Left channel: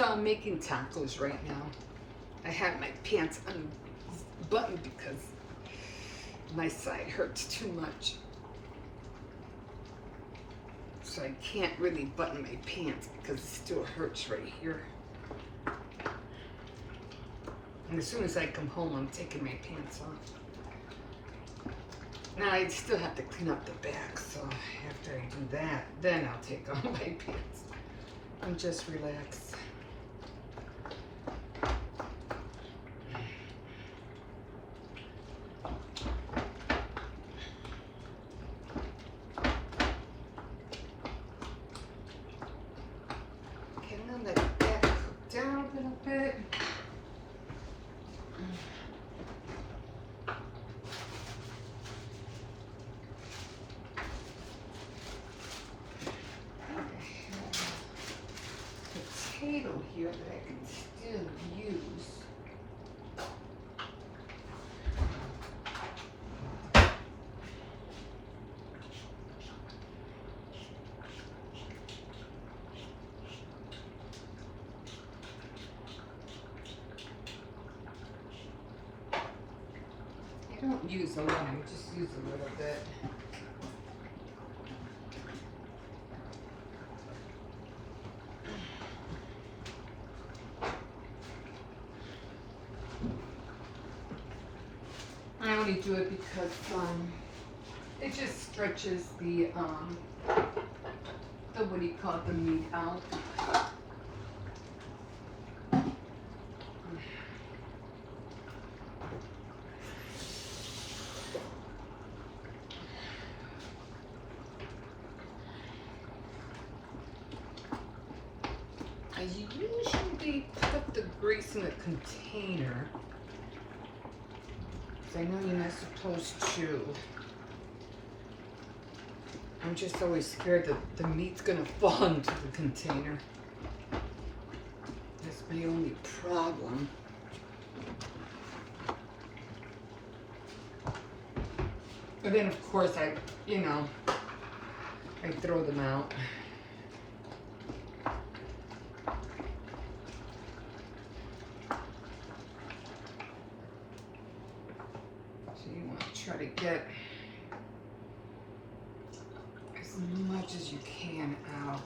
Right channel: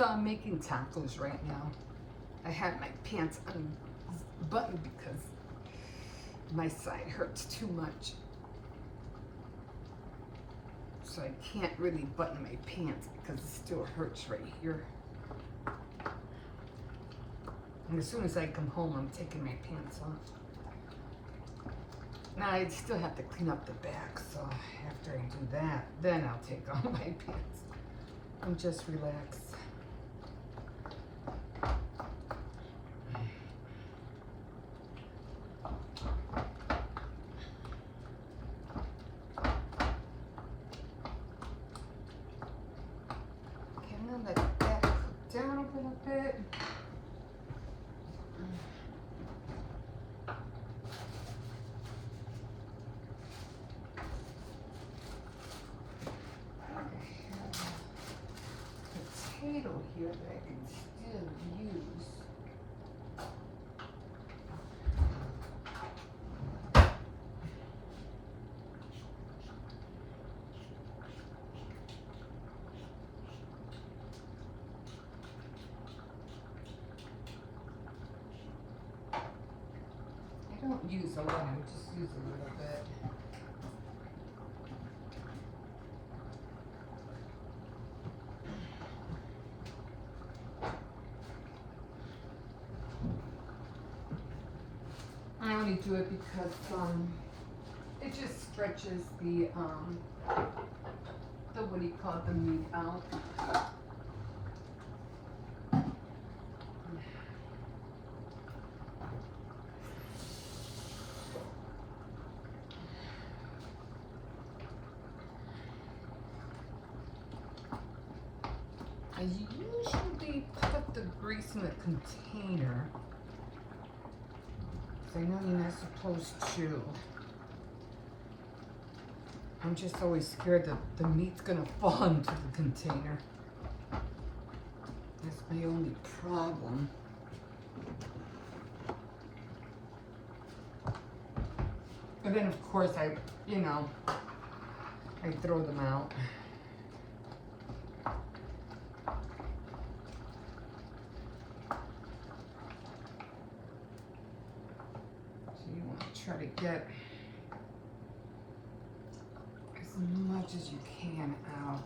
So I'm making tacos right now. I had my pants unbuttoned because my side hurts too much. So I can't really button my pants because it still hurts right here. And as soon as I come home, I'm taking my pants off. Now I still have to clean up the back, so after I do that, then I'll take off my pants. I'm just relaxed. Okay, I'm gonna let that cook down a little bit. Potato here that I can still use. I don't use a lot, I just use a little bit. I only do it because it just stretches the what do you call it, the meat out. I usually put the grease in a container. I know you're not supposed to. I'm just always scared that the meat's gonna fall into the container. That's my only problem. And then of course I throw them out. So you want to try to get as much as you can out.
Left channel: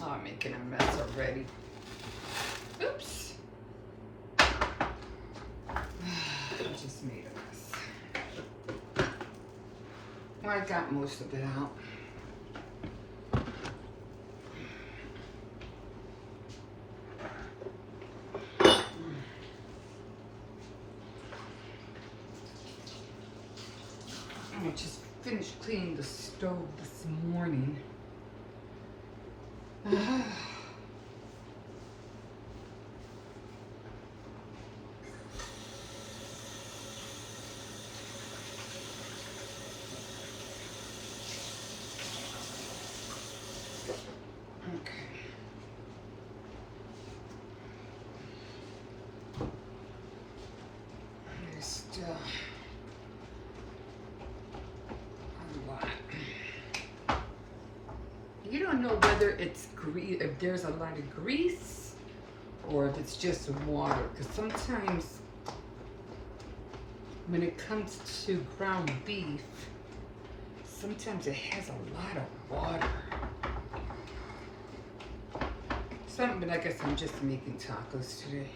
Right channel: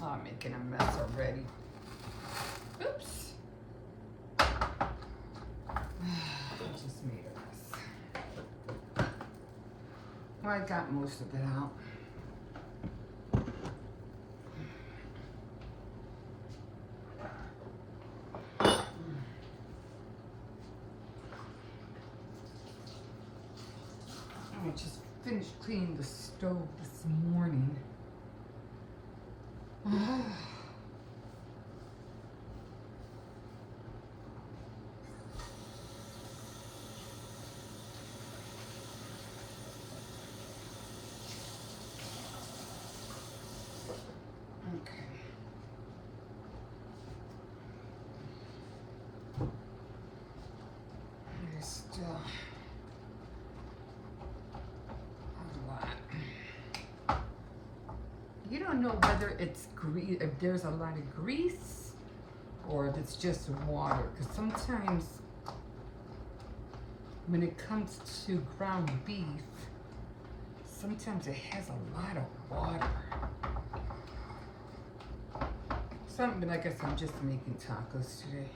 Oh, I'm making a mess already. Oops. I just made a mess. Well, I got most of it out. I just finished cleaning the stove this morning. You don't know whether it's grease, if there's a lot of grease, or if it's just water. Because sometimes when it comes to ground beef, sometimes it has a lot of water. But I guess I'm just making tacos today.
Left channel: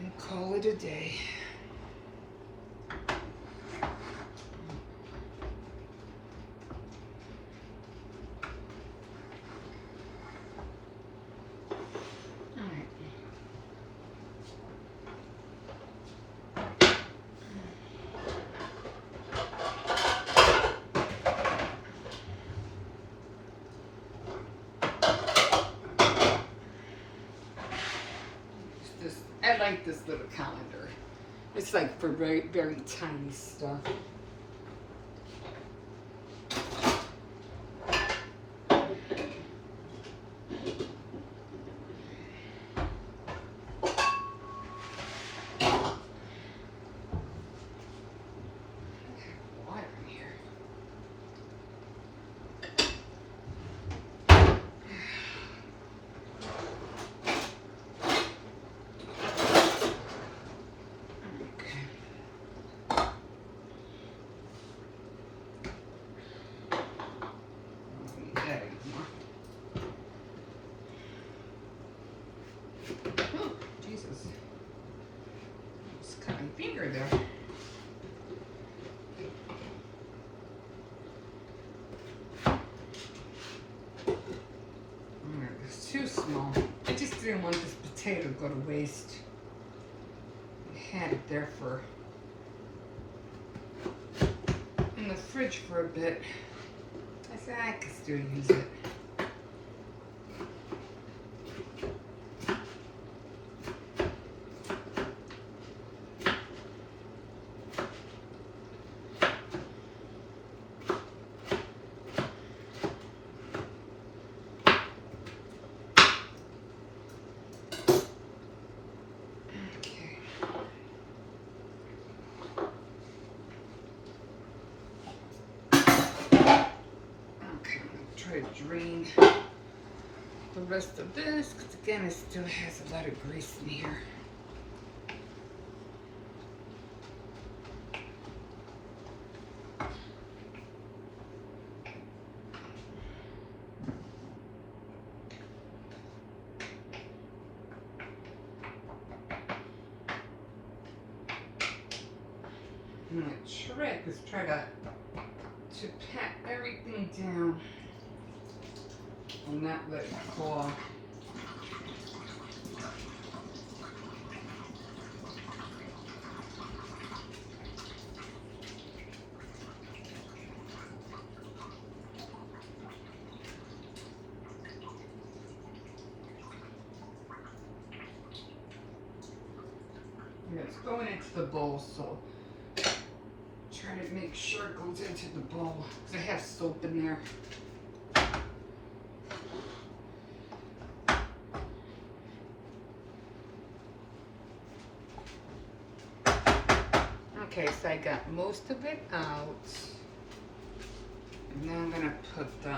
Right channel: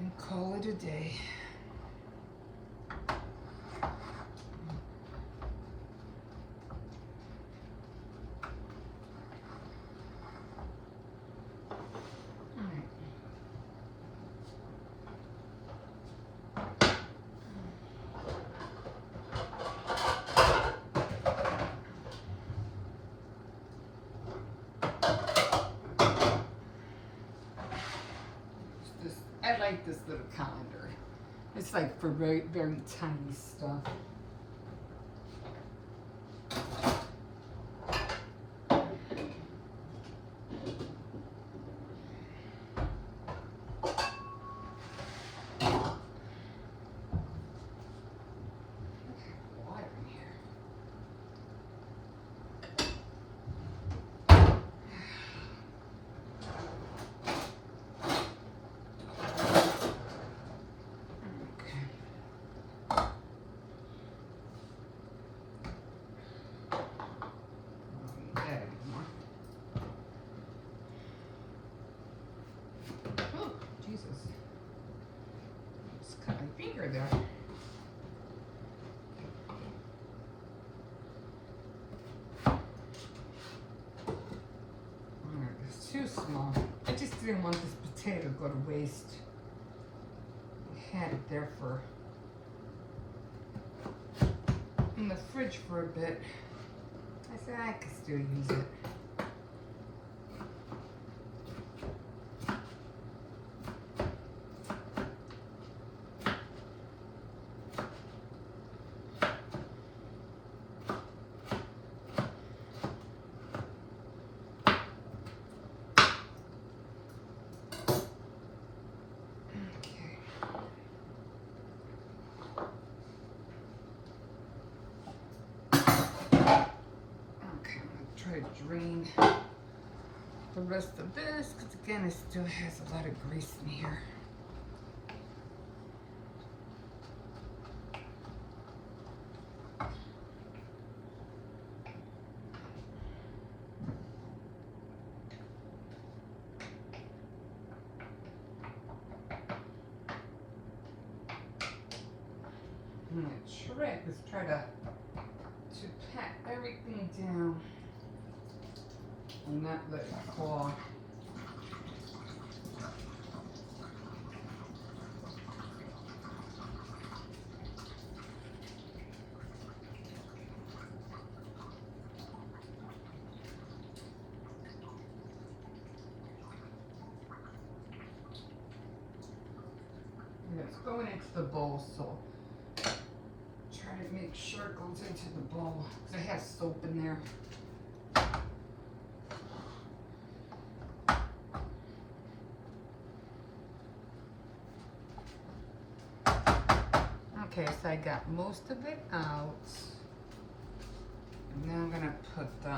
And call it a day. I like this little calendar. It's like for very, very tiny stuff. finger there. It's too small. I just didn't want this potato to go to waste. I had it there in the fridge for a bit. I said I could still use it. Drain the rest of this because again it still has a lot of grease in here. And my trick is try to pat everything down and not let it fall. And it's going into the bowl, so try to make sure it goes into the bowl because I have soap in there. Okay, so I got most of it out. And now I'm gonna put the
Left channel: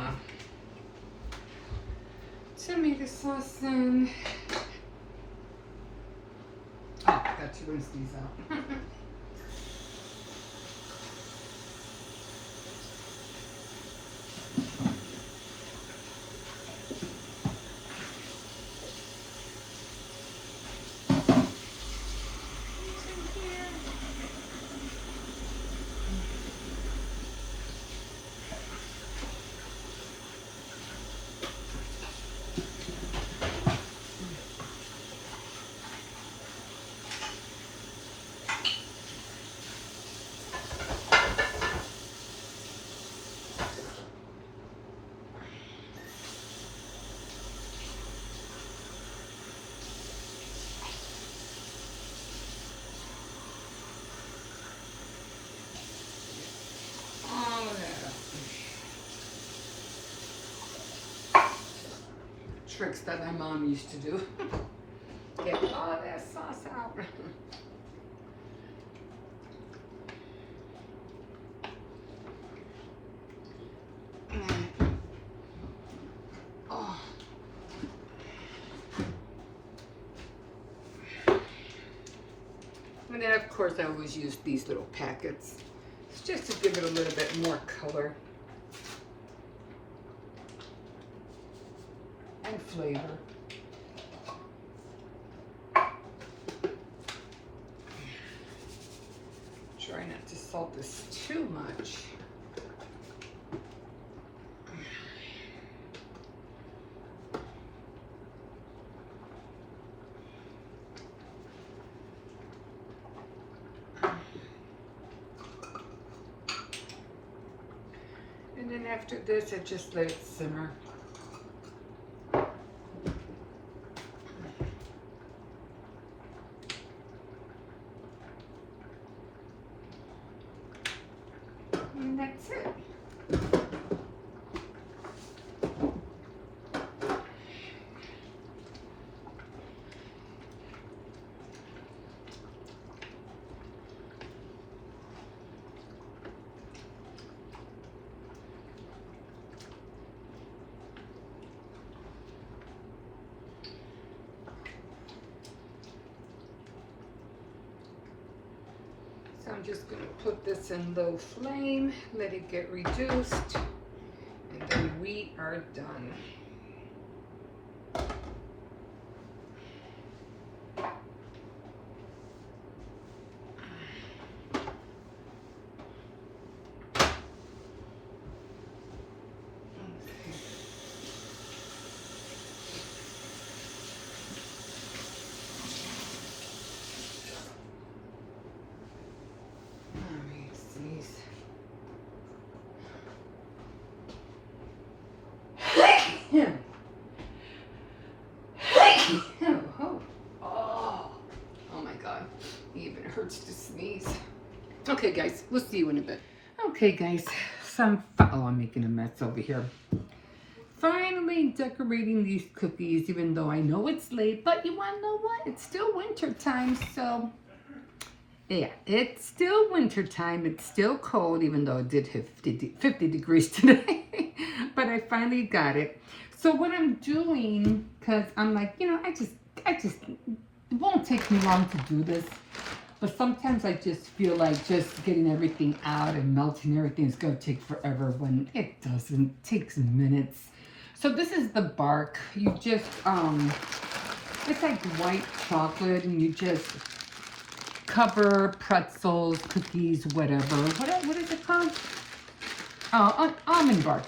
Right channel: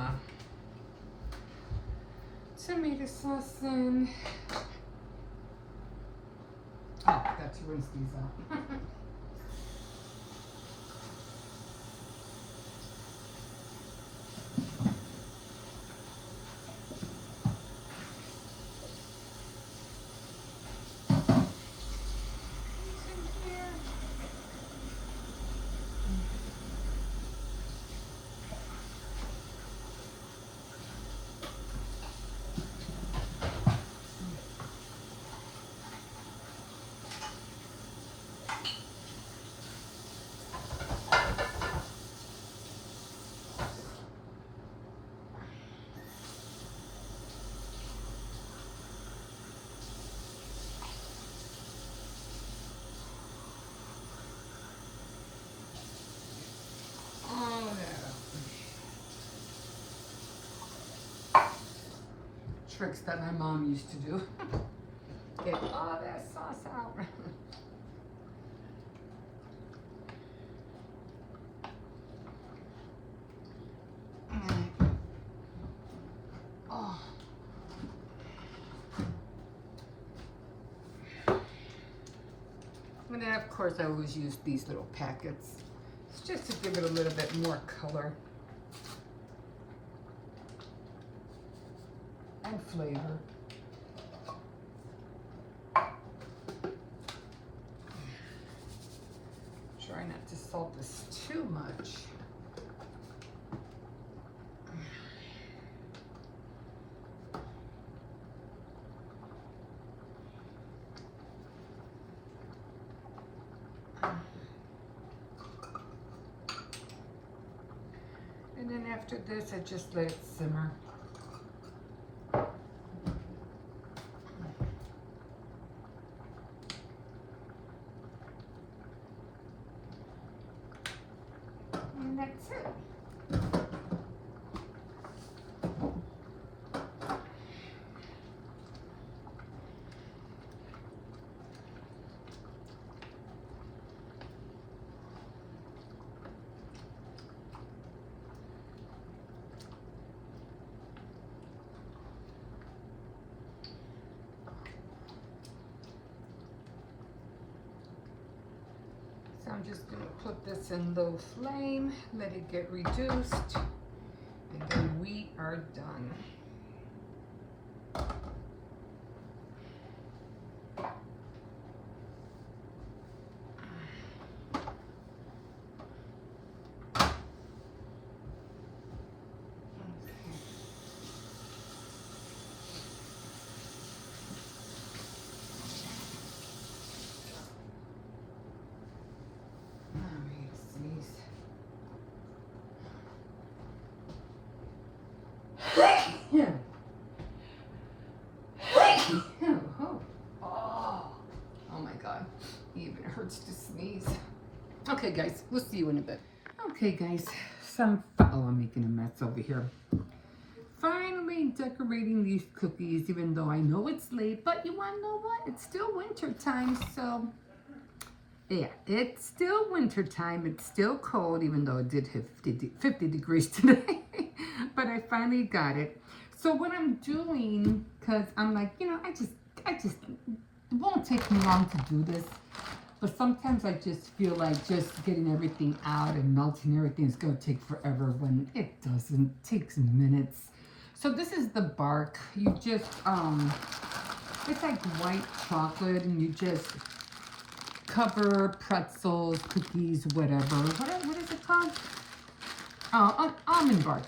tomato sauce in. Oh, got to rinse these out. Tricks that my mom used to do. Get all that sauce out. Oh. And then of course I always use these little packets. It's just to give it a little bit more color and flavor. Try not to salt this too much. And then after this, I just let it simmer. And that's it. So I'm just going to put this in low flame, let it get reduced, and then we are done. Oh my God, it even hurts to sneeze. Okay, guys, we'll see you in a bit. Okay, guys, I'm making a mess over here. Finally decorating these cookies, even though I know it's late, but you want to know what? It's still winter time, so yeah, it's still winter time. It's still cold, even though it did hit 50 degrees today. But I finally got it. So what I'm doing, because I'm like, you know, I just, it won't take me long to do this. But sometimes I just feel like just getting everything out and melting everything is going to take forever when it doesn't. It takes minutes. So this is the bark. You just, it's like white chocolate, and you just cover pretzels, cookies, whatever. What is it called? Oh, almond bark.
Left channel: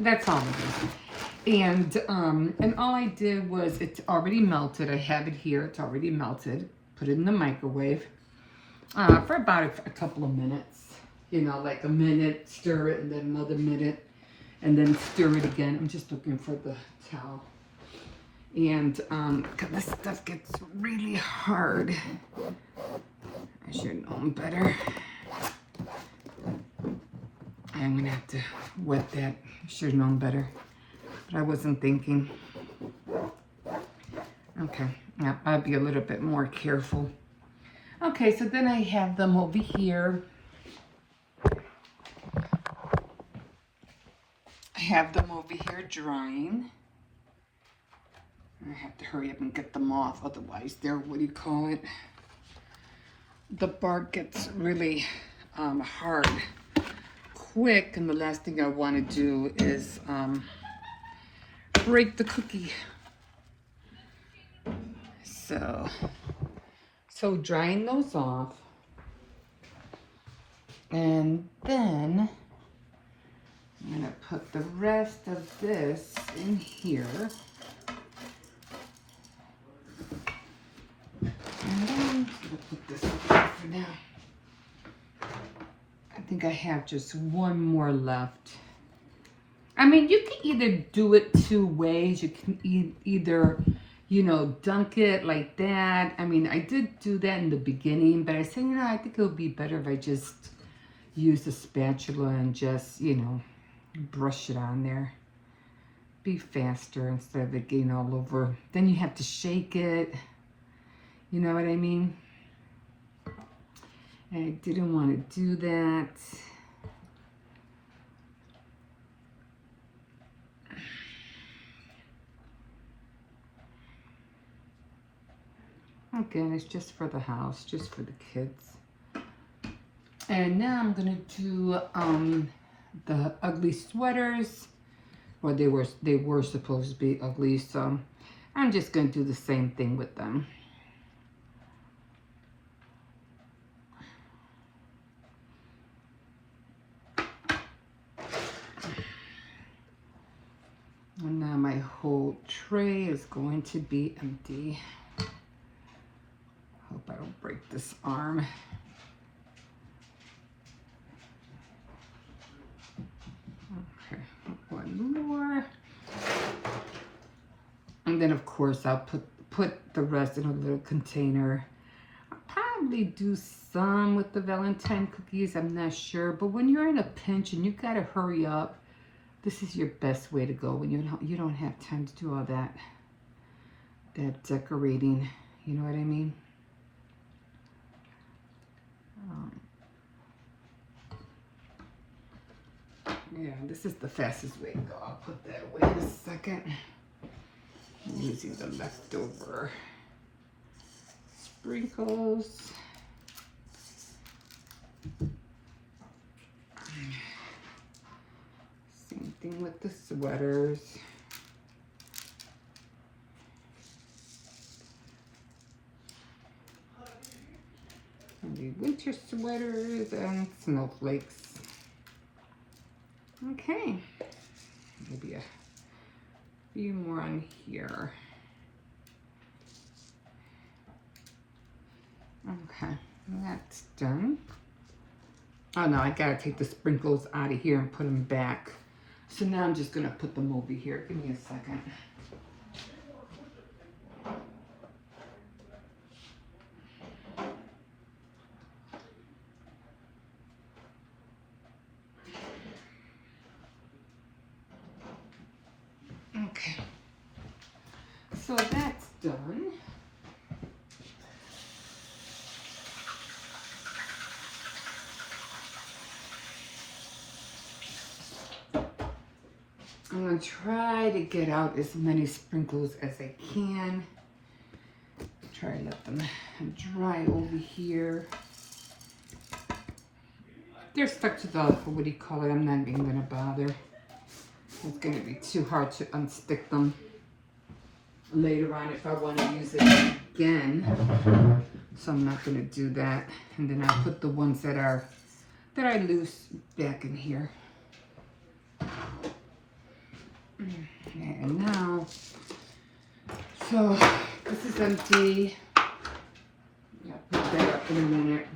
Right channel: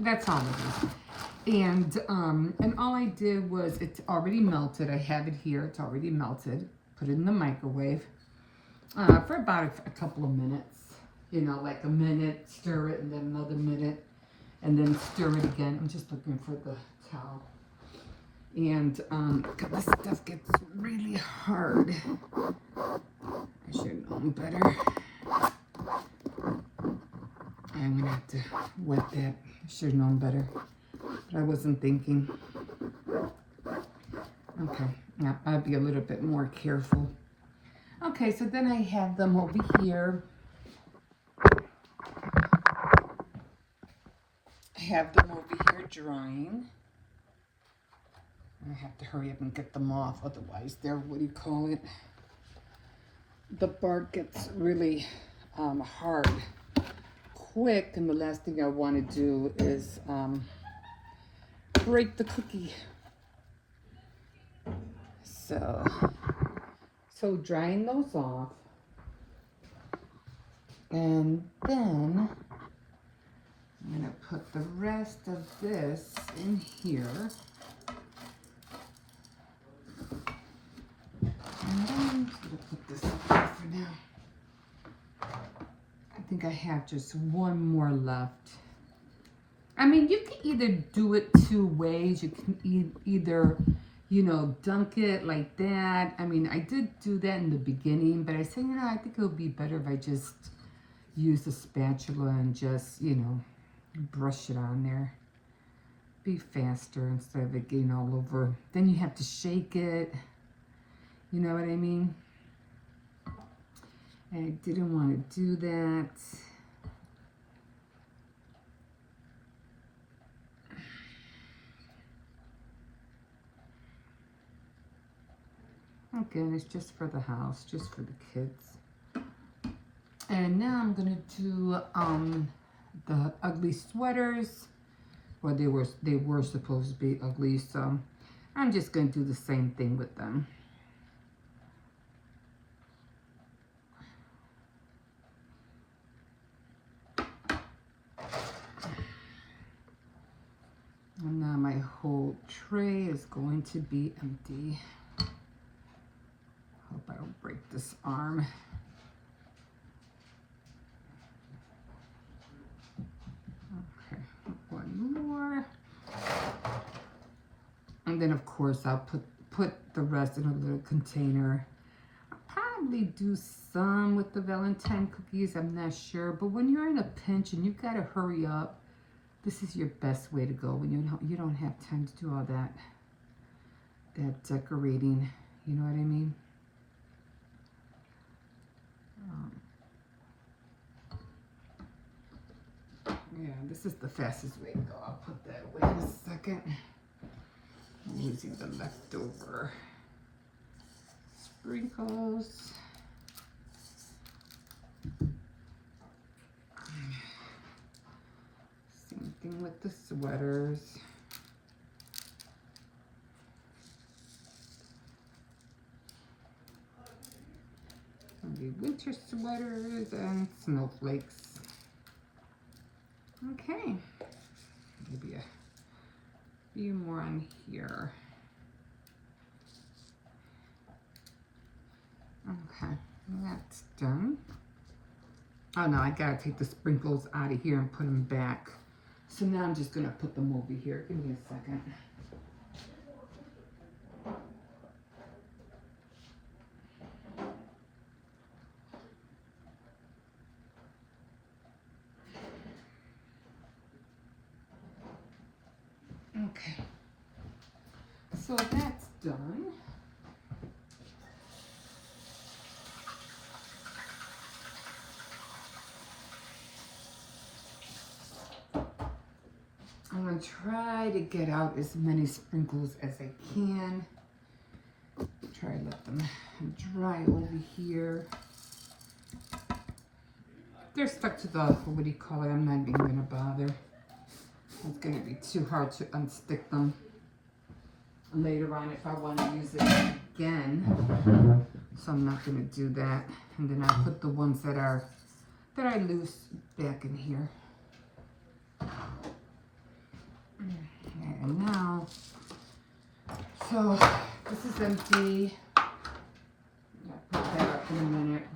That's all it is. And all I did was, it's already melted. I have it here. It's already melted. Put it in the microwave for about a couple of minutes. You know, like a minute, stir it, and then another minute, and then stir it again. I'm just looking for the towel. And because this stuff gets really hard. I should have known better. I'm gonna have to wet that. I should have known better. But I wasn't thinking. Okay, yeah, I'll be a little bit more careful. Okay, so then I have them over here. I have them over here drying. I have to hurry up and get them off, otherwise they're, what do you call it? The bark gets really hard quick, and the last thing I want to do is break the cookie. So drying those off, and then I'm gonna put the rest of this in here. And we'll put this away for now. I think I have just one more left. I mean, you can either do it two ways. You can either, you know, dunk it like that. I mean, I did do that in the beginning, but I said, you know, I think it would be better if I just use the spatula and just, you know, brush it on there. Be faster instead of it getting all over. Then you have to shake it. You know what I mean? And I didn't want to do that. Again, it's just for the house, just for the kids. And now I'm gonna do the ugly sweaters. Or they were supposed to be ugly, so I'm just gonna do the same thing with them. And now my whole tray is going to be empty. Hope I don't break this arm. Okay, one more. And then of course I'll put the rest in a little container. I'll probably do some with the Valentine cookies, I'm not sure. But when you're in a pinch and you gotta hurry up, this is your best way to go when you don't have time to do all that decorating. You know what I mean? Yeah, this is the fastest way to go. I'll put that away in a second. I'm using the leftover sprinkles. Same thing with the sweaters. The winter sweaters and snowflakes. Okay, maybe a few more on here. Okay, that's done. Oh no, I gotta take the sprinkles out of here and put them back. So now I'm just gonna put them over here. Give me a second. Okay. So that's done. I'm going to try to get out as many sprinkles as I can. Try to let them dry over here. They're stuck to the, what do you call it? I'm not even going to bother. It's going to be too hard to unstick them later on if I want to use it again. So I'm not going to do that. And then I put the ones that I loose back in here. And now, so this is empty. I'll put that up in a minute.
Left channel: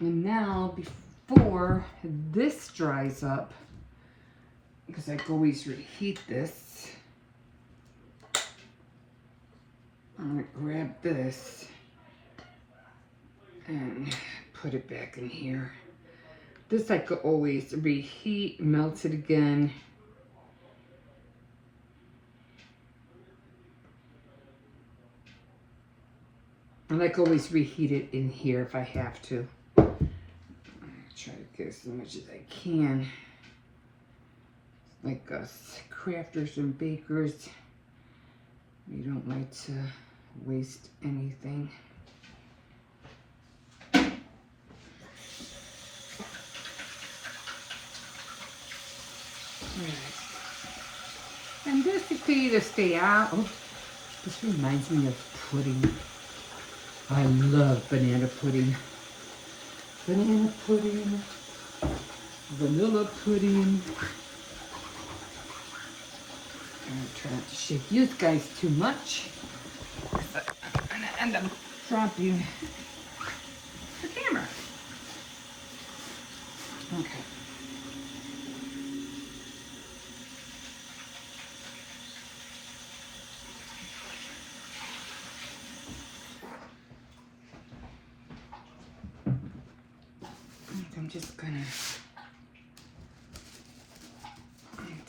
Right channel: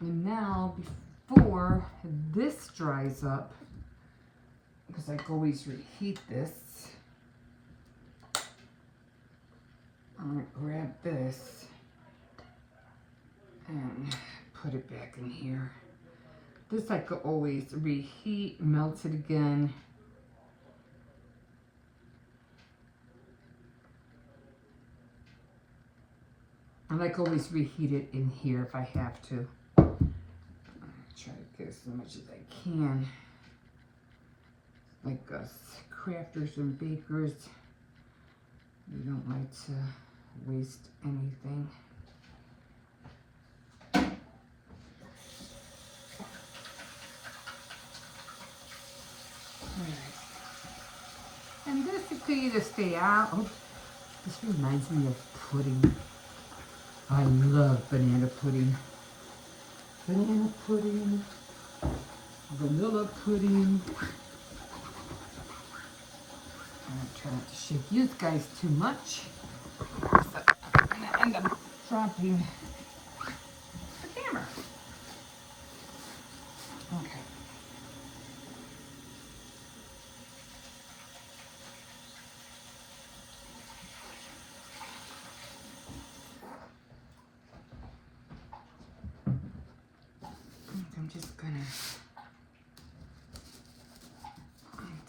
And now, before this dries up, because I can always reheat this, I'm going to grab this and put it back in here. This I could always reheat, melt it again. I like always reheat it in here if I have to. Try to get as much as I can. Like us crafters and bakers, you don't like to waste anything. Alright. And this you could either stay out. Oh, this reminds me of pudding. I love banana pudding. Banana pudding, vanilla pudding. I'm trying to shake you guys too much, but I'm gonna end up dropping the camera. Okay. I'm just gonna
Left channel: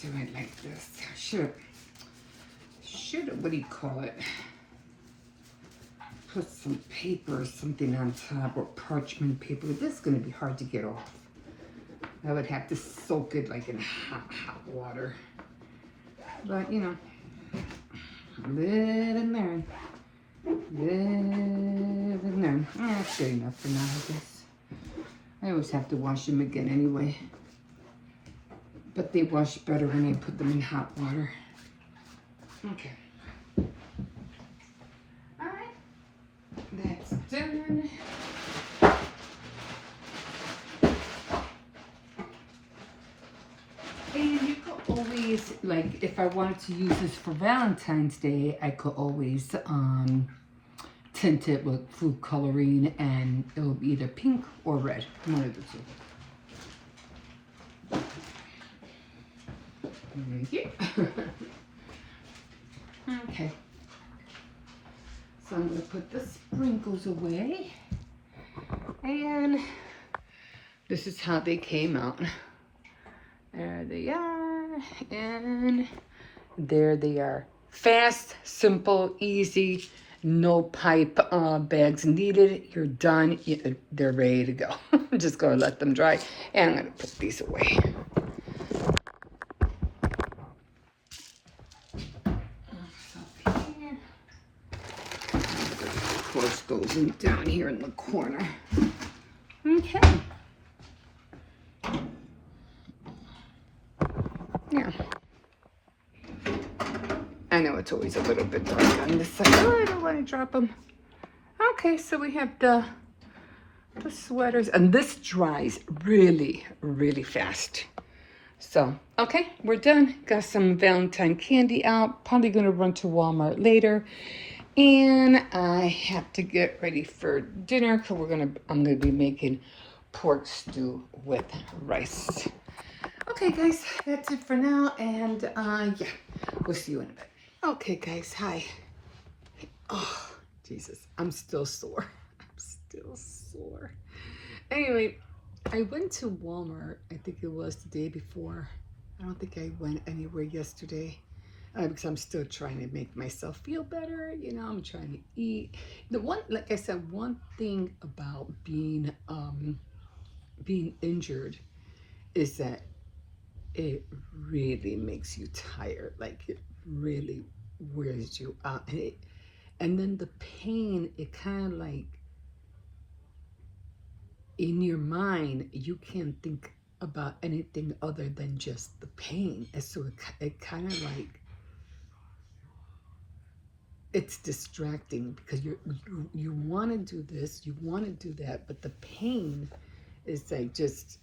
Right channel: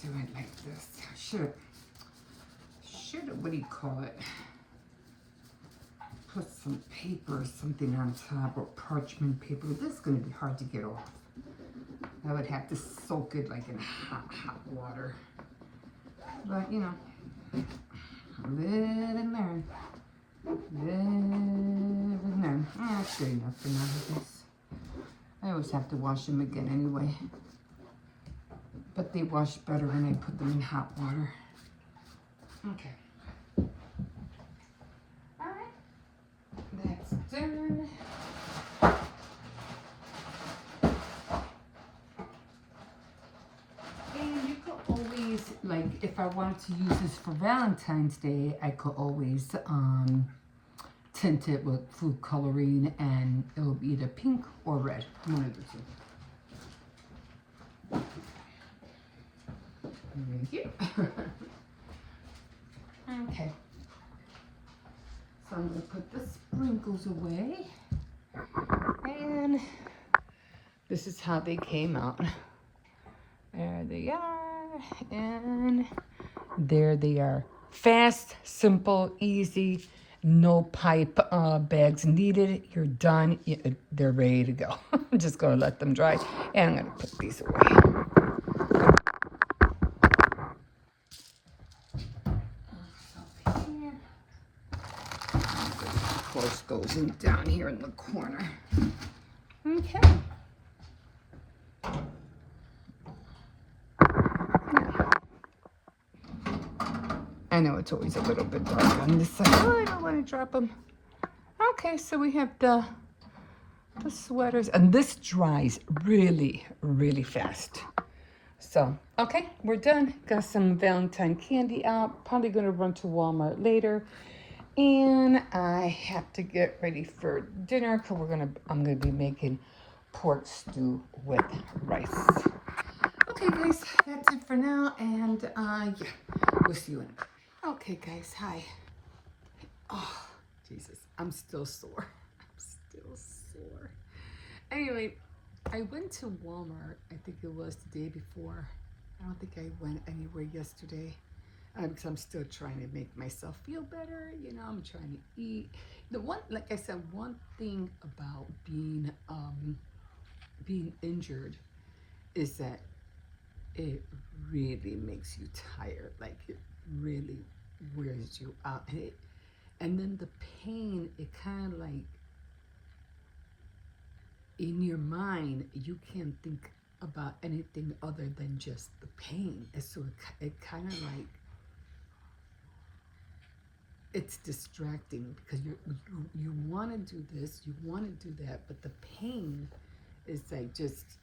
do it like this. Should, what do you call it? Put some paper or something on top, or parchment paper. This is gonna be hard to get off. I would have to soak it like in hot water. But you know, live and learn. Live and learn. That's good enough for now, I guess. I always have to wash them again anyway. But they wash better when I put them in hot water. Okay. Alright. That's done. And you could always, like, if I wanted to use this for Valentine's Day, I could always tint it with food coloring, and it will be either pink or red, one of the two. Right here. Okay. So I'm going to put the sprinkles away, and this is how they came out. There they are, and there they are. Fast, simple, easy. No pipe bags needed. You're done. They're ready to go. I'm just going to let them dry. And I'm going to put these away. Of course, goes in down here in the corner. Okay. Yeah. I know it's always a little bit dry on this side. Oh, I don't want to drop them. Okay, so we have the sweaters, and this dries really, really fast. So, okay, we're done. Got some Valentine candy out. Probably gonna run to Walmart later. And I have to get ready for dinner because I'm gonna be making pork stew with rice. Okay, guys, that's it for now. And yeah, we'll see you in a bit. Okay, guys, hi. Oh, Jesus, I'm still sore. I'm still sore. Anyway, I went to Walmart, I think it was the day before. I don't think I went anywhere yesterday because I'm still trying to make myself feel better. You know, I'm trying to eat. The one, like I said, one thing about being injured is that it really makes you tired. Like it really wears you out, and then the pain, it kind of like in your mind, you can't think about anything other than just the pain. And so it kind of like, it's distracting because you want to do this, you want to do that, but the pain is like just,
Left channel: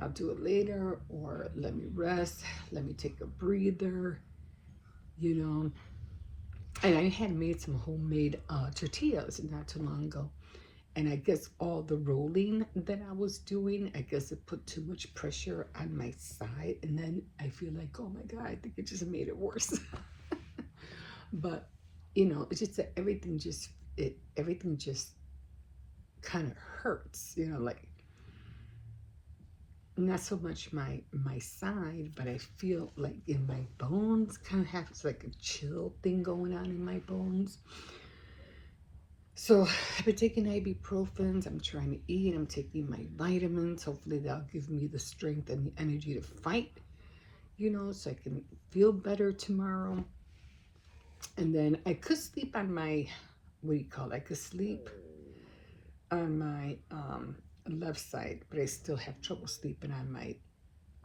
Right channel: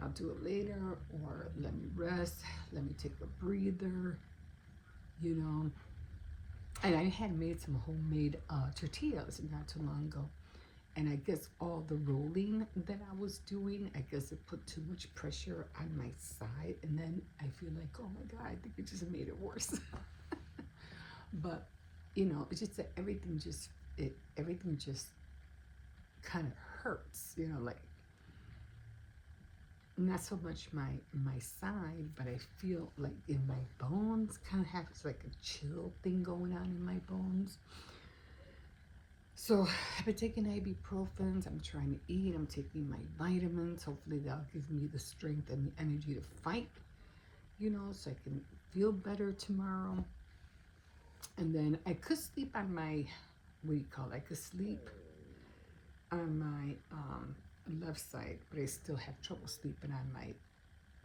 I'll do it later, or let me rest, let me take a breather, you know. And I had made some homemade tortillas not too long ago. And I guess all the rolling that I was doing, I guess it put too much pressure on my side. And then I feel like, oh my God, I think it just made it worse. But, you know, it's just that everything just kind of hurts, you know, like not so much my side, but I feel like in my bones kind of have like a chill thing going on in my bones. So I've been taking ibuprofens, I'm trying to eat, I'm taking my vitamins. Hopefully that'll give me the strength and the energy to fight, you know, so I can feel better tomorrow. And then I could sleep on my, what do you call it? I could sleep on my left side, but I still have trouble sleeping on my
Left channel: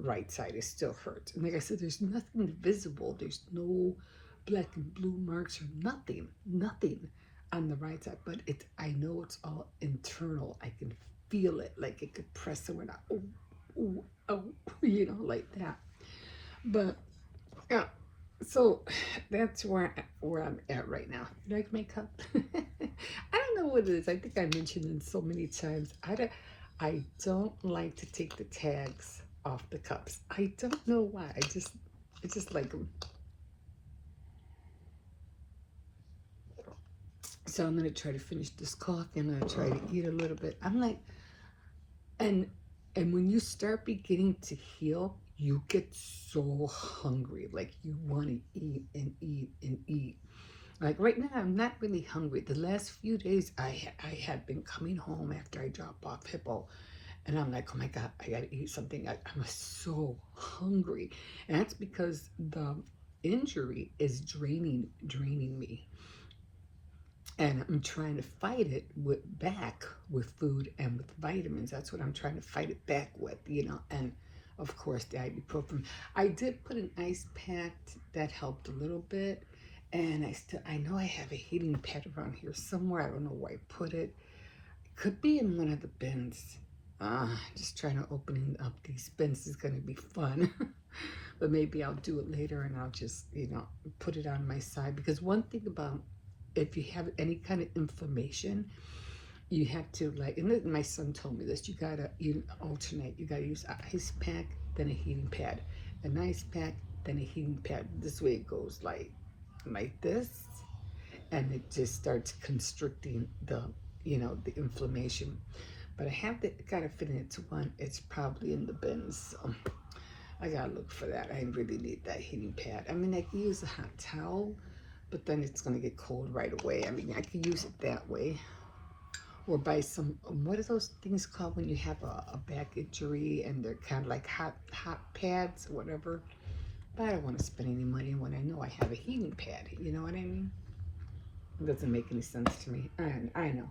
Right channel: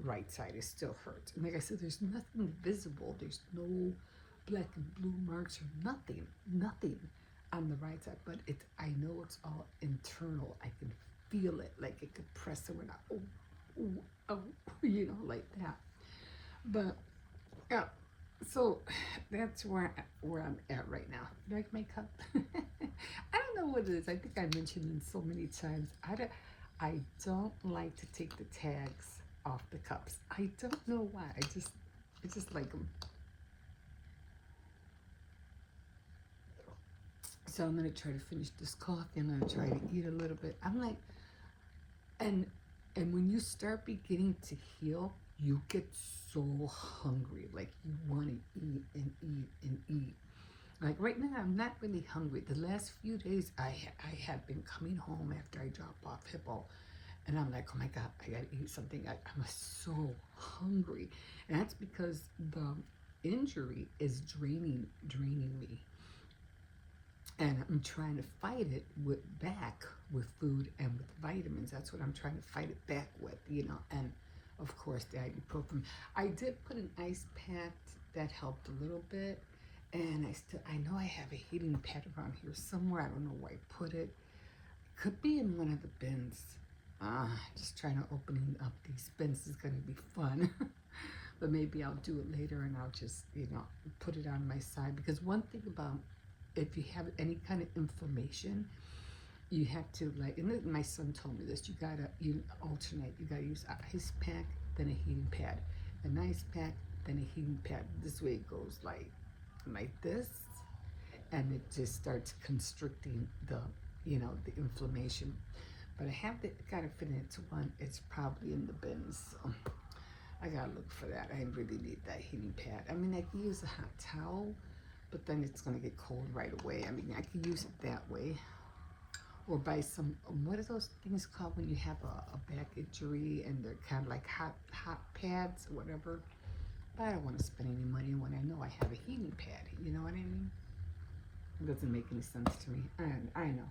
right side. It still hurts. And like I said, there's nothing visible. There's no black and blue marks or nothing on the right side. But I know it's all internal. I can feel it, like it could press when I, oh, you know, like that. But yeah, so that's where I'm at right now. You like my cup? I don't know what it is. I think I mentioned it so many times. I don't like to take the tags off the cups. I don't know why. I just like them. So I'm gonna try to finish this coffee. I'm gonna try to eat a little bit. I'm like, and when you start beginning to heal, you get so hungry. Like you want to eat and eat and eat. Like right now, I'm not really hungry. The last few days, I had been coming home after I dropped off Hippo, and I'm like, oh my God, I gotta eat something. I'm so hungry, and that's because the injury is draining me, and I'm trying to fight it back with food and with vitamins. That's what I'm trying to fight it back with, you know. And of course, the ibuprofen. I did put an ice pack that helped a little bit, and I know I have a heating pad around here somewhere. I don't know where I put it. It could be in one of the bins. Just trying to open up these bins is gonna be fun. But maybe I'll do it later, and I'll just, you know, put it on my side. Because one thing about, if you have any kind of inflammation, you have to, like, and my son told me this, you alternate. You gotta use an ice pack, then a heating pad, an ice pack, then a heating pad. This way it goes like this, and it just starts constricting the, you know, the inflammation. But I gotta fit it into one. It's probably in the bins, so I gotta look for that. I really need that heating pad. I mean, I can use a hot towel, but then it's gonna get cold right away. I mean, I can use it that way, or buy some, what are those things called when you have a back injury and they're kind of like hot pads or whatever. But I don't want to spend any money when I know I have a heating pad. You know what I mean? It doesn't make any sense to me. I know.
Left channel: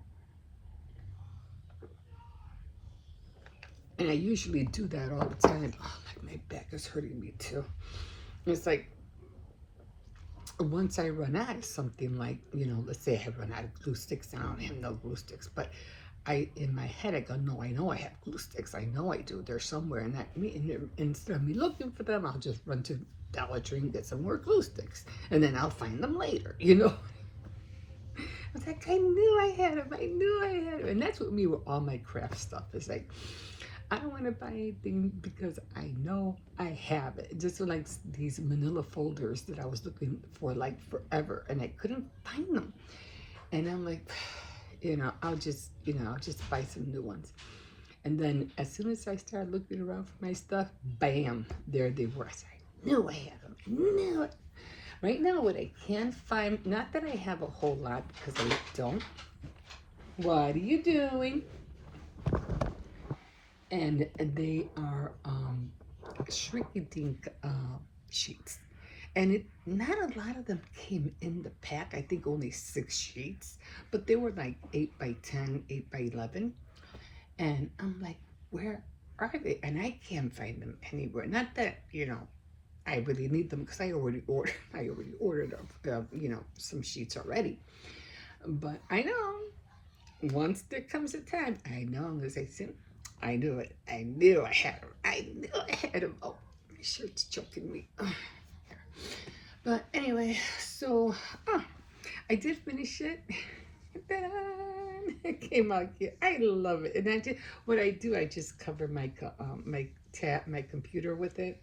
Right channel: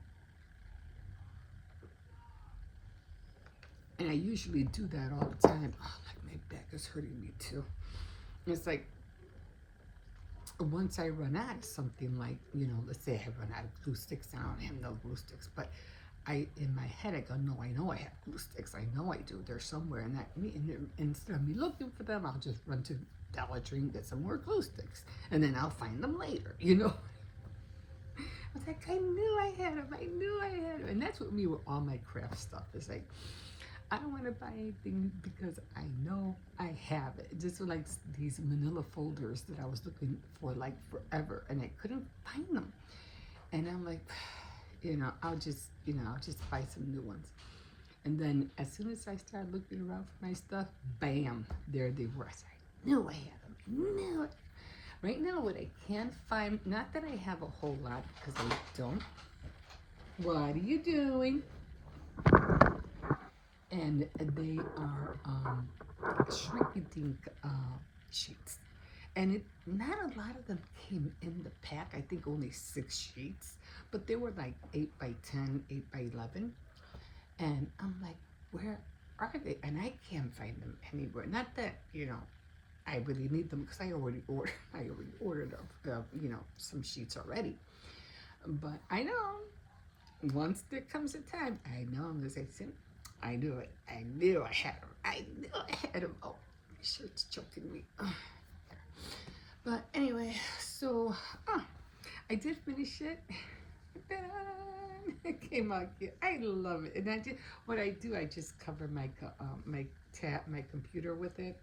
And I usually do that all the time. Oh, like my back is hurting me too. It's like, once I run out of something, like, you know, let's say I have run out of glue sticks, and I don't have no glue sticks, but in my head, I go, no, I know I have glue sticks. I know I do. They're somewhere. And instead of me looking for them, I'll just run to Dollar Tree and get some more glue sticks. And then I'll find them later, you know? I was like, I knew I had them. I knew I had them. And that's what me with all my craft stuff is like. I don't want to buy anything because I know I have it. Just like these manila folders that I was looking for like forever and I couldn't find them. And I'm like, I'll just buy some new ones. And then as soon as I started looking around for my stuff, bam, there they were. I said, I knew I had them. I knew it. Right now, what I can find, not that I have a whole lot because I don't. What are you doing? And they are shrink-a-dink sheets. And not a lot of them came in the pack. I think only 6 sheets, but they were like 8 by 10, 8 by 11. And I'm like, where are they? And I can't find them anywhere. Not that, I really need them because I already ordered. I already ordered, some sheets already. But I know once there comes a time, I know I'm gonna say, "See, I knew it. I knew I had them. I knew I had them." Oh, my shirt's choking me. But anyway, so I did finish it. It came out cute. I love it, and what I do. I just cover my computer with it,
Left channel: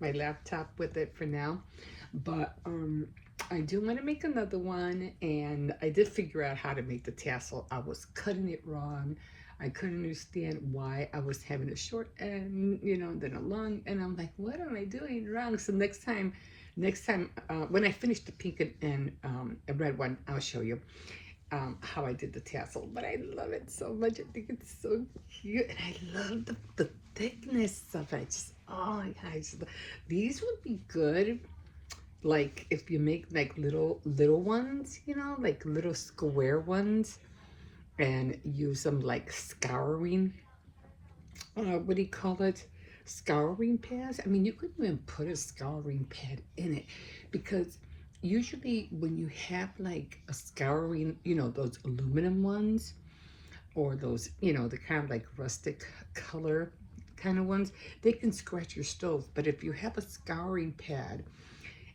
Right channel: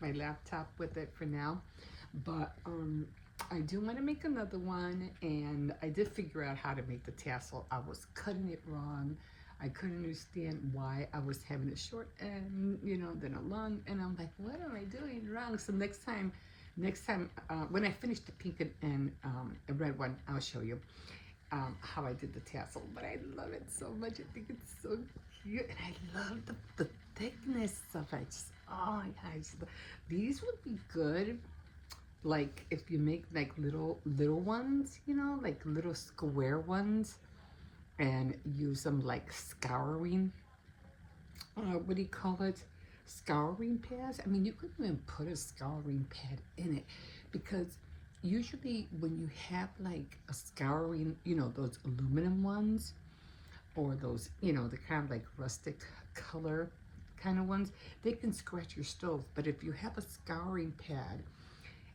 my laptop with it for now. But I do want to make another one, and I did figure out how to make the tassel. I was cutting it wrong. I couldn't understand why I was having a short end, then a long, and I'm like, what am I doing wrong? So next time, when I finish the pink and a red one, I'll show you how I did the tassel. But I love it so much. I think it's so cute, and I love the thickness of it. Just oh my gosh, these would be good. Like if you make like little ones, like little square ones, and use them like scouring. What do you call it? Scouring pads. I mean, you could even put a scouring pad in it because usually when you have like a scouring, those aluminum ones or those, the kind of like rustic color kind of ones, they can scratch your stove. But if you have a scouring pad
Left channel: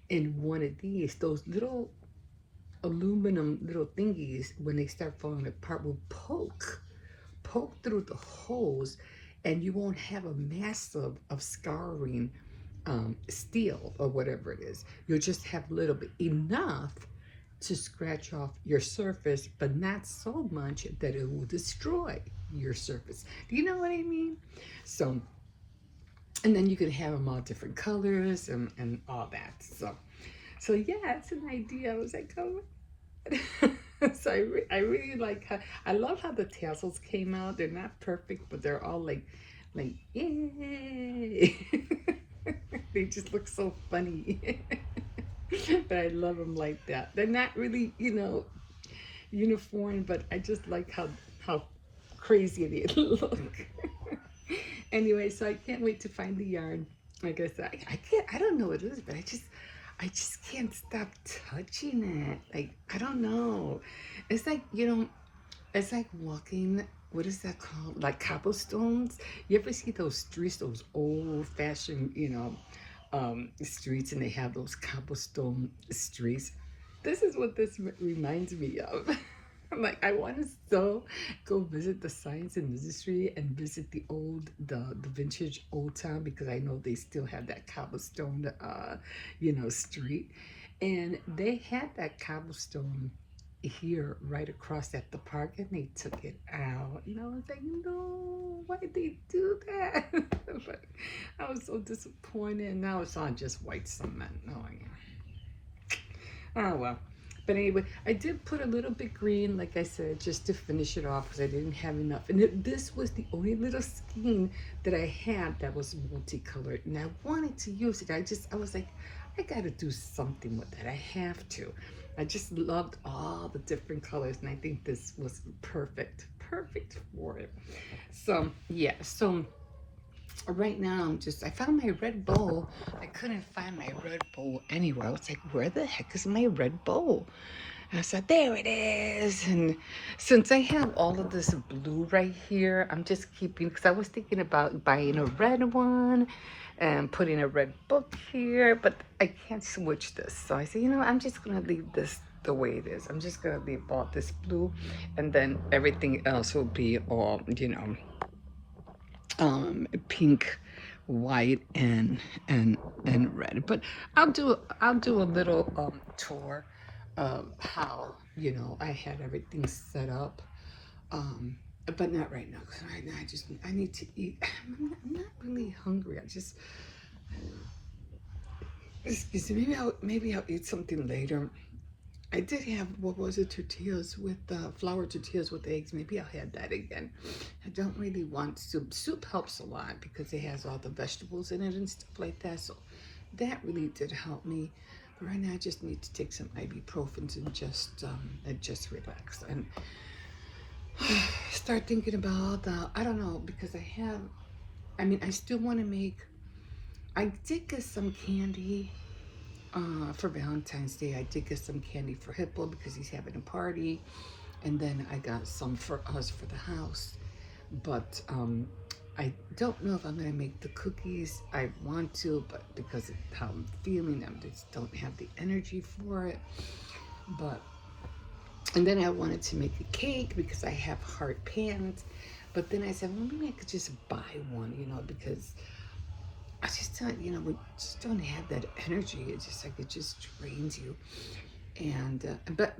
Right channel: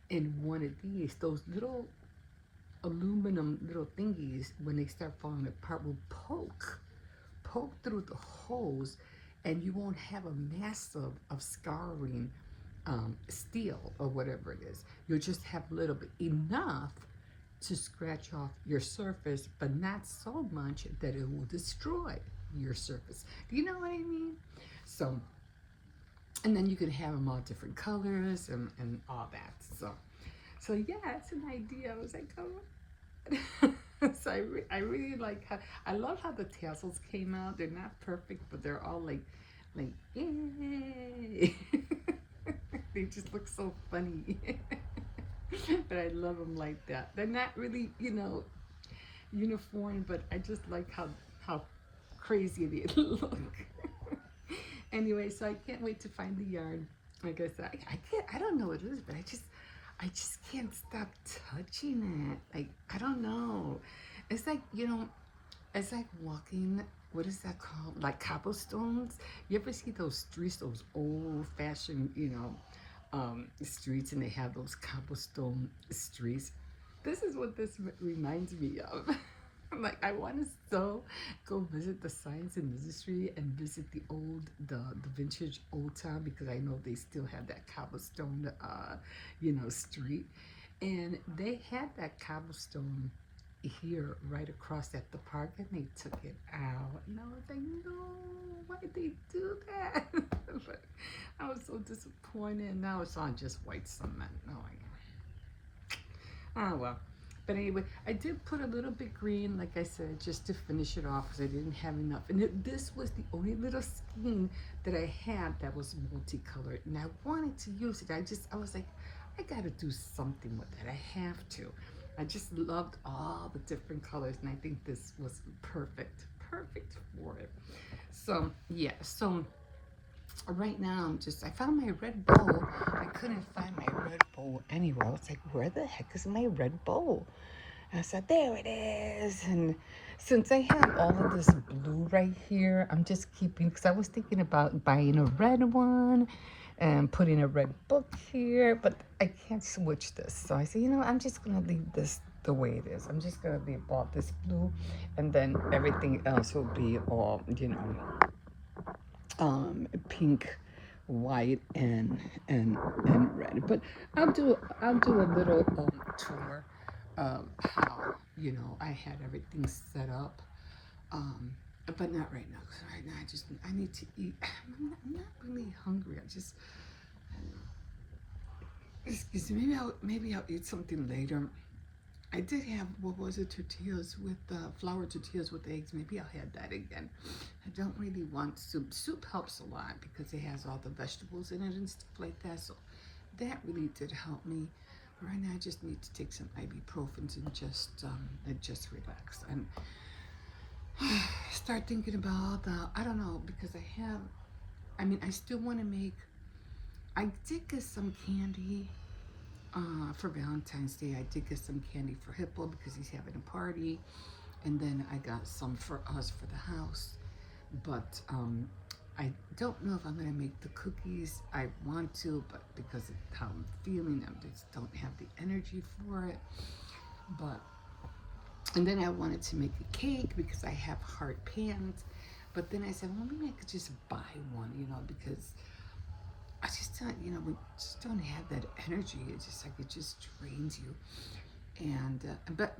in one of these, those little aluminum little thingies, when they start falling apart, will poke through the holes, and you won't have a mass of scarring steel or whatever it is. You'll just have a little bit, enough to scratch off your surface, but not so much that it will destroy your surface. Do you know what I mean? So, and then you can have them all different colors and all that. So yeah, it's an idea. I was like, oh. So I really like how I love how the tassels came out. They're not perfect, but they're all like yay. They just look so funny. But I love them like that. They're not really, uniform, but I just like how crazy they look. Anyway, so I can't wait to find the yarn. Like I said, I can't. I don't know what it is, but I just can't stop touching it. Like I don't know. It's like it's like walking. What is that called? Like cobblestones. You ever see those streets, those old-fashioned, streets, and they have those cobblestone streets? This is what this reminds me of. Like I want to so go visit the science and industry and visit the vintage old town because I know they still have that cobblestone street, and they had that cobblestone here right across at the park, and they took it out. I was like, no, why did they do that? But I was so disappointed. Now it's on just white cement. Oh well. But anyway, I did put a little bit green, like I said, just to finish it off because I didn't have enough. And this was the only little skein that I had that was multicolored. And I wanted to use it. I was like, I got to do something with that. I have to. I just loved all the different colors. And I think this was perfect for it. So, yeah. So, right now I found my red bowl. I couldn't find my red bowl anywhere. I was like, where the heck is my red bowl? And I said, there it is. And since I have all of this blue right here, I'm just keeping, because I was thinking about buying a red one and putting a red book here, but I can't switch this. So I said, I'm just going to leave this the way it is. I'm just going to leave all this blue, and then everything else will be all, pink, white, and red. But I'll do a little tour of how I had everything set up. Um, but not right now, because right now I need to eat. I'm not really hungry. I just excuse me. Maybe I'll eat something later. I did have, what was it, tortillas with flour tortillas with eggs. Maybe I'll have that again. I don't really want soup. Soup helps a lot because it has all the vegetables in it and stuff like that. So that really did help me. But right now I just need to take some ibuprofen and just relax and start thinking about I don't know, because I still want to make. I did get some candy for Valentine's Day. I did get some candy for Hippo because he's having a party, and then I got some for us for the house. But I don't know if I'm gonna make the cookies. I want to, but because of how I'm feeling, I just don't have the energy for it. But and then I wanted to make a cake because I have hard pans. But then I said, well, maybe I could just buy one, because I just don't, we just don't have that energy. It's just like it just drains you. And but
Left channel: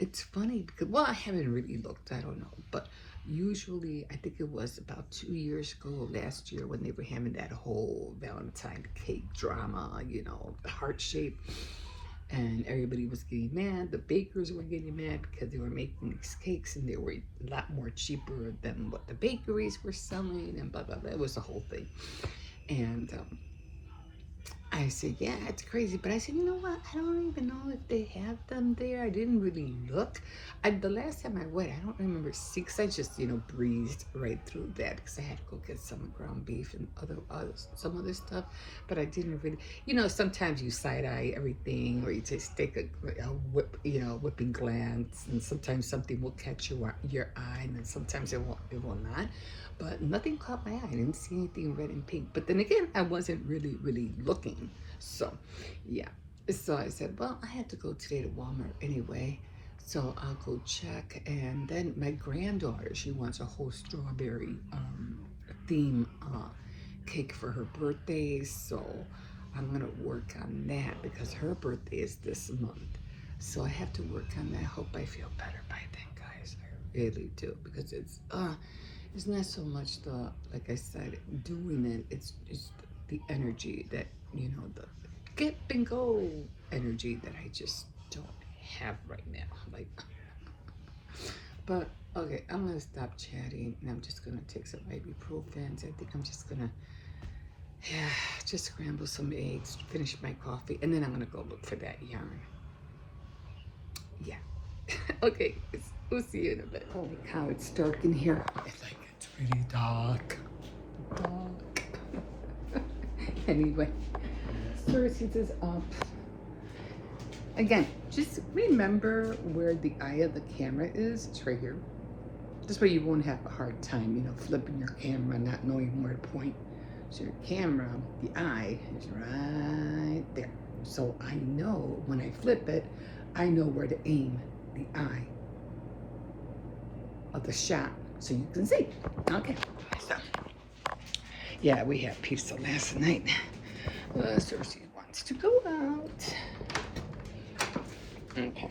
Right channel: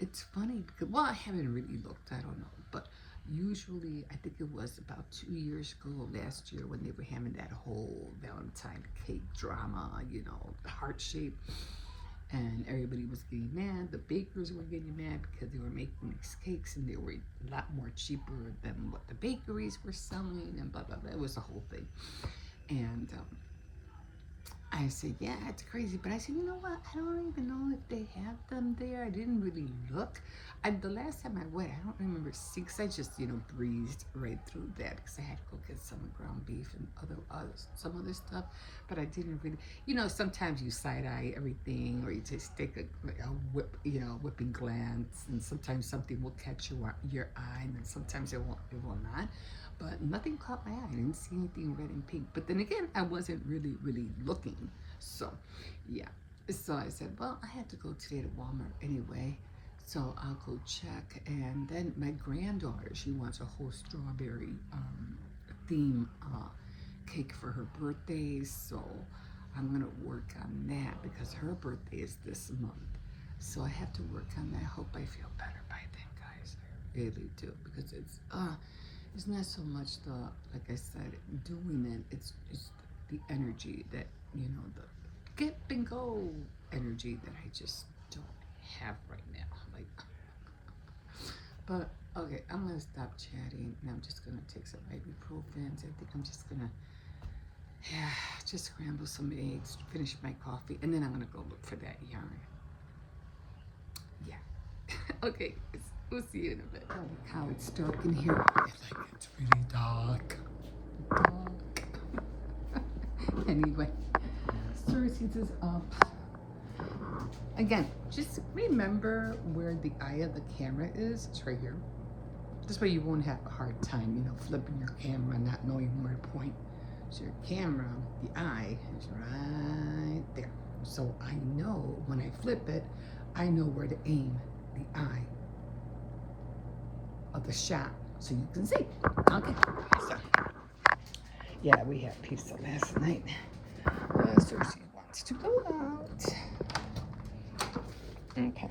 it's funny because, well, I haven't really looked. I don't know, but usually I think it was about 2 years ago, last year, when they were having that whole Valentine cake drama, heart shape, and everybody was getting mad. The bakers were getting mad because they were making these cakes and they were a lot more cheaper than what the bakeries were selling, and blah blah blah. It was the whole thing. And I said, yeah, it's crazy. But I said, you know what? I don't even know if they have them there. I didn't really look. The last time I went, I don't remember seeing, 'cause I just, breezed right through that because I had to go get some ground beef and some other stuff. But I didn't really, sometimes you side eye everything, or you just take a whipping glance, and sometimes something will catch your eye, and then sometimes it will not. But nothing caught my eye. I didn't see anything red and pink. But then again, I wasn't really looking. So, yeah. So I said, well, I had to go today to Walmart anyway. So I'll go check. And then my granddaughter, she wants a whole strawberry theme cake for her birthday. So I'm going to work on that because her birthday is this month. So I have to work on that. I hope I feel better by then, guys. I really do. Because it's not so much like I said, doing it. It's the energy that, the get and go energy that I just don't have right now. Like, but okay, I'm gonna stop chatting and I'm just gonna take some ibuprofen. I think I'm just gonna, just scramble some eggs, finish my coffee, and then I'm gonna go look for that yarn. Yeah. Okay, we'll see you in a bit. Holy cow, it's dark in here. It's really dark. Anyway, xcercies is up. Again, just remember where the eye of the camera is. It's right here. This way you won't have a hard time, flipping your camera, not knowing where to point. So your camera, the eye, is right there. So I know when I flip it, I know where to aim the eye of the shot so you can see. Okay. So, yeah, we had pizza last night. Xcercies wants to go out. Okay.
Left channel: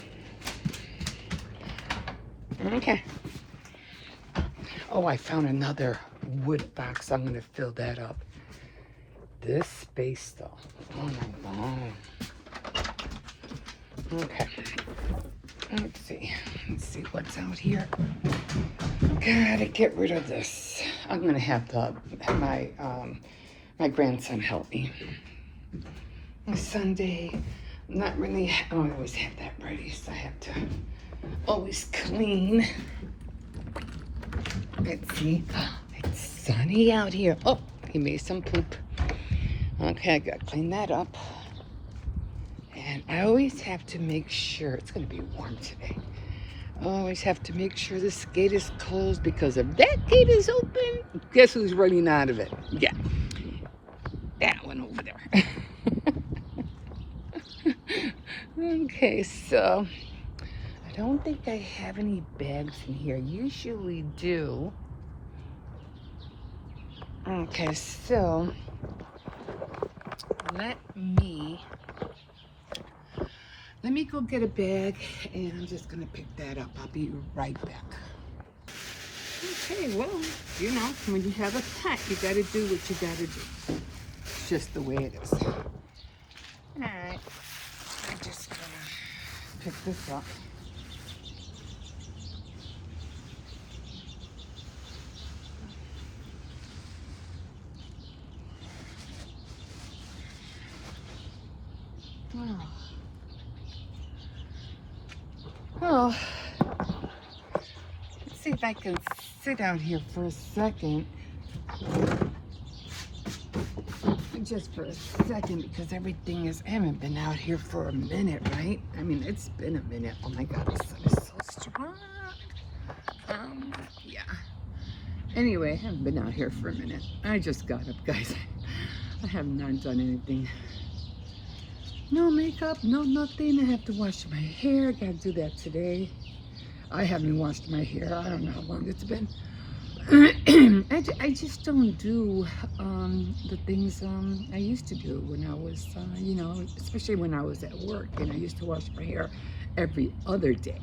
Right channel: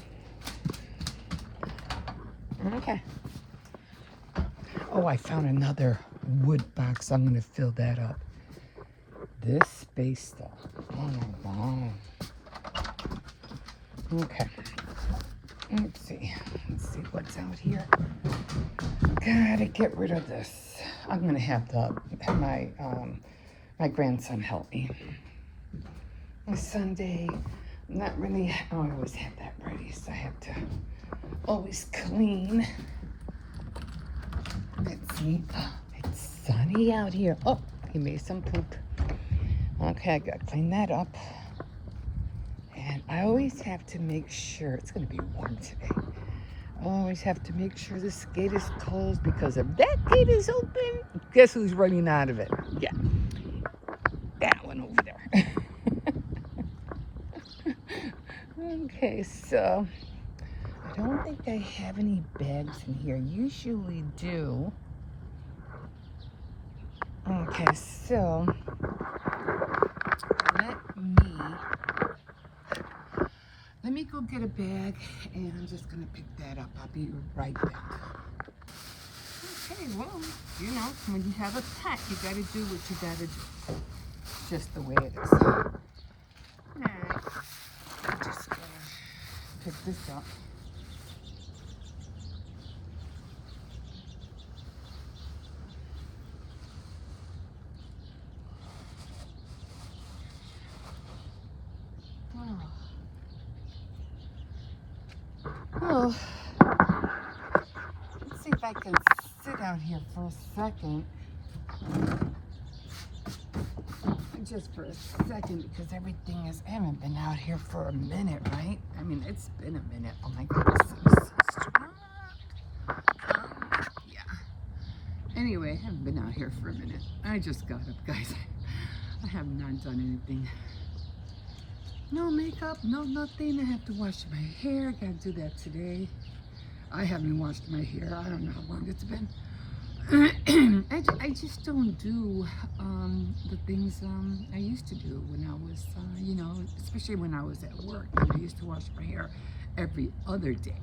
Okay. Oh, I found another wood box. I'm going to fill that up. This space, though. Oh my God. Okay. Let's see what's out here. Gotta get rid of this. I'm going to have my grandson help me. Sunday, not really. Oh, I always have that ready, so I have to always clean. Let's see. It's sunny out here. Oh, he made some poop. Okay, I gotta clean that up. And I always have to make sure it's gonna be warm today. I always have to make sure this gate is closed, because if that gate is open, guess who's running out of it? Yeah, that one over there. Okay, so I don't think I have any bags in here. Usually do. Okay, so let me go get a bag, and I'm just gonna pick that up. I'll be right back. Okay, well, you know, when you have a pet, you gotta do what you gotta do. It's just the way it is. All right, I'm just gonna pick this up. Oh. Oh. Let's see if I can sit out here for a second. Just for a second, because everything is, I haven't been out here for a minute, right? I mean, it's been a minute. Oh my God, the sun is so strong. Yeah. Anyway, I haven't been out here for a minute. I just got up, guys. I have not done anything. No makeup, no nothing. I have to wash my hair. Gotta do that today. I haven't washed my hair. I don't know how long it's been. I just don't do the things I used to do when I was, you know, especially when I was at work. And I used to wash my hair every other day.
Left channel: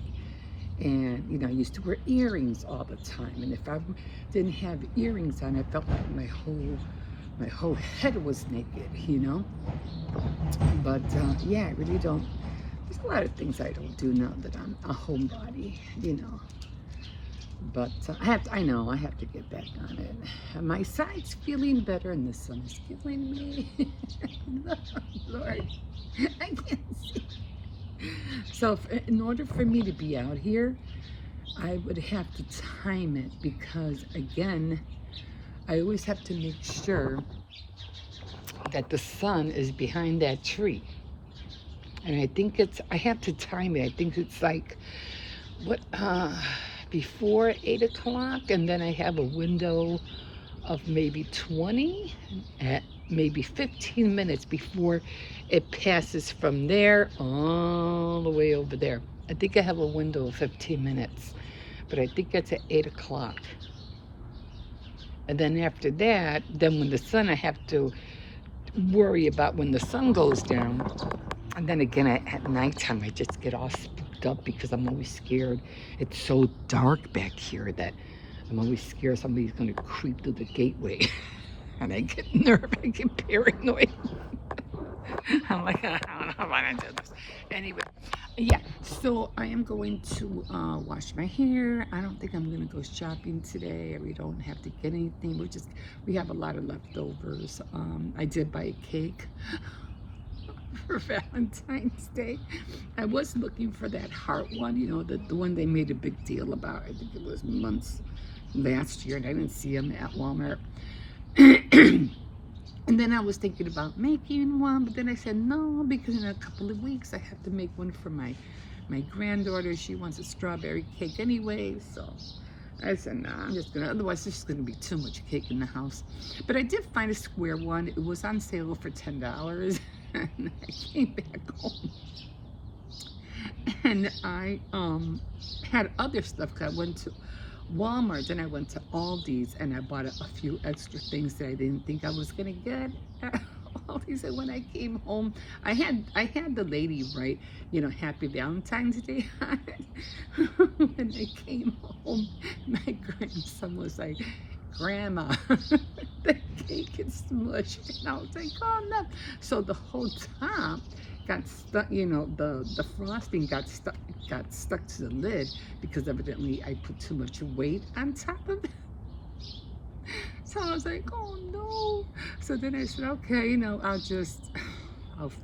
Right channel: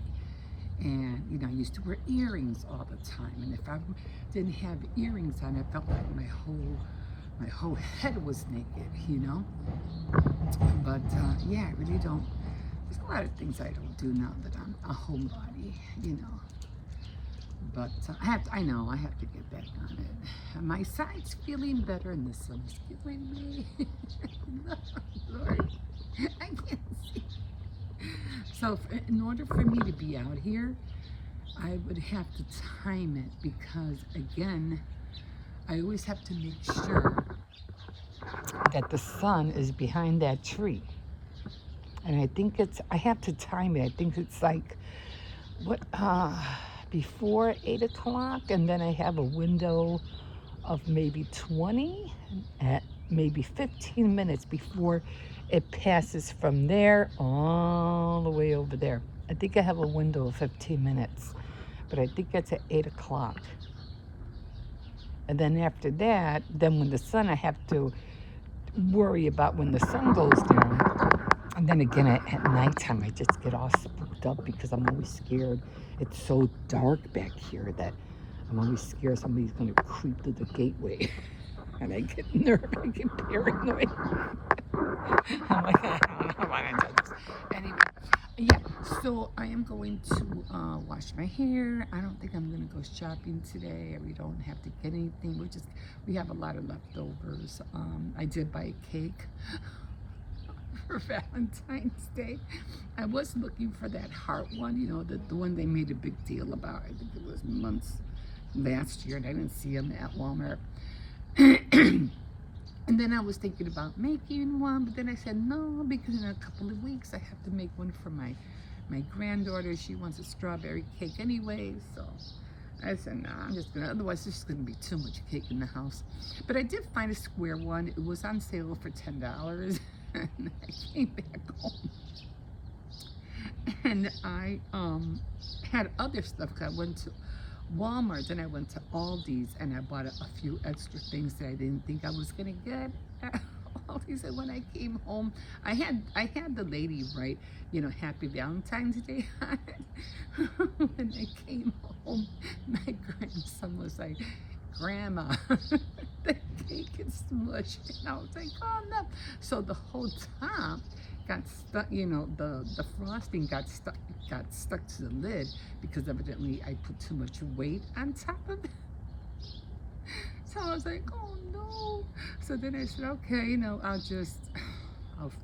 And, you know, I used to wear earrings all the time. And if I didn't have earrings on, I felt like my whole head was naked, you know. But, yeah, I really don't. There's a lot of things I don't do now that I'm a homebody, you know. But I know I have to get back on it. My side's feeling better, and the sun is killing me. Lord, I can't see. So, in order for me to be out here, I would have to time it, because, again, I always have to make sure that the sun is behind that tree. And I think I have to time it. I think it's like, before 8 o'clock, and then I have a window of maybe 20, at maybe 15 minutes before it passes from there all the way over there. I think I have a window of 15 minutes, but I think that's at 8 o'clock. And then after that, then when the sun, I have to worry about when the sun goes down. And then again, at nighttime, I just get all spooked up because I'm always scared. It's so dark back here that I'm always scared somebody's going to creep through the gateway. And I get nervous, I get paranoid. I'm like, I don't know why I did this. Anyway, yeah, so I am going to wash my hair. I don't think I'm going to go shopping today. We don't have to get anything. We have a lot of leftovers. I did buy a cake for Valentine's Day. I was looking for that heart one, you know, the one they made a big deal about. I think it was months last year, and I didn't see them at Walmart. And then I was thinking about making one, but then I said no, because in a couple of weeks I have to make one for my granddaughter. She wants a strawberry cake anyway, so I said, no, I'm just gonna, otherwise it's just gonna be too much cake in the house. But I did find a square one. It was on sale for $10. And I came back home. And I had other stuff. I went to Walmart, and I went to Aldi's, and I bought a few extra things that I didn't think I was gonna get at Aldi's. And when I came home, I had the lady write, you know, Happy Valentine's Day on it. When I came home, my grandson was like, Grandma, the cake is smushed. And I was like, oh no. So the whole top got stuck, you know, the frosting got stuck to the lid, because evidently I put too much weight on top of it. So I was like, oh no. So then I said, okay, you know, I'll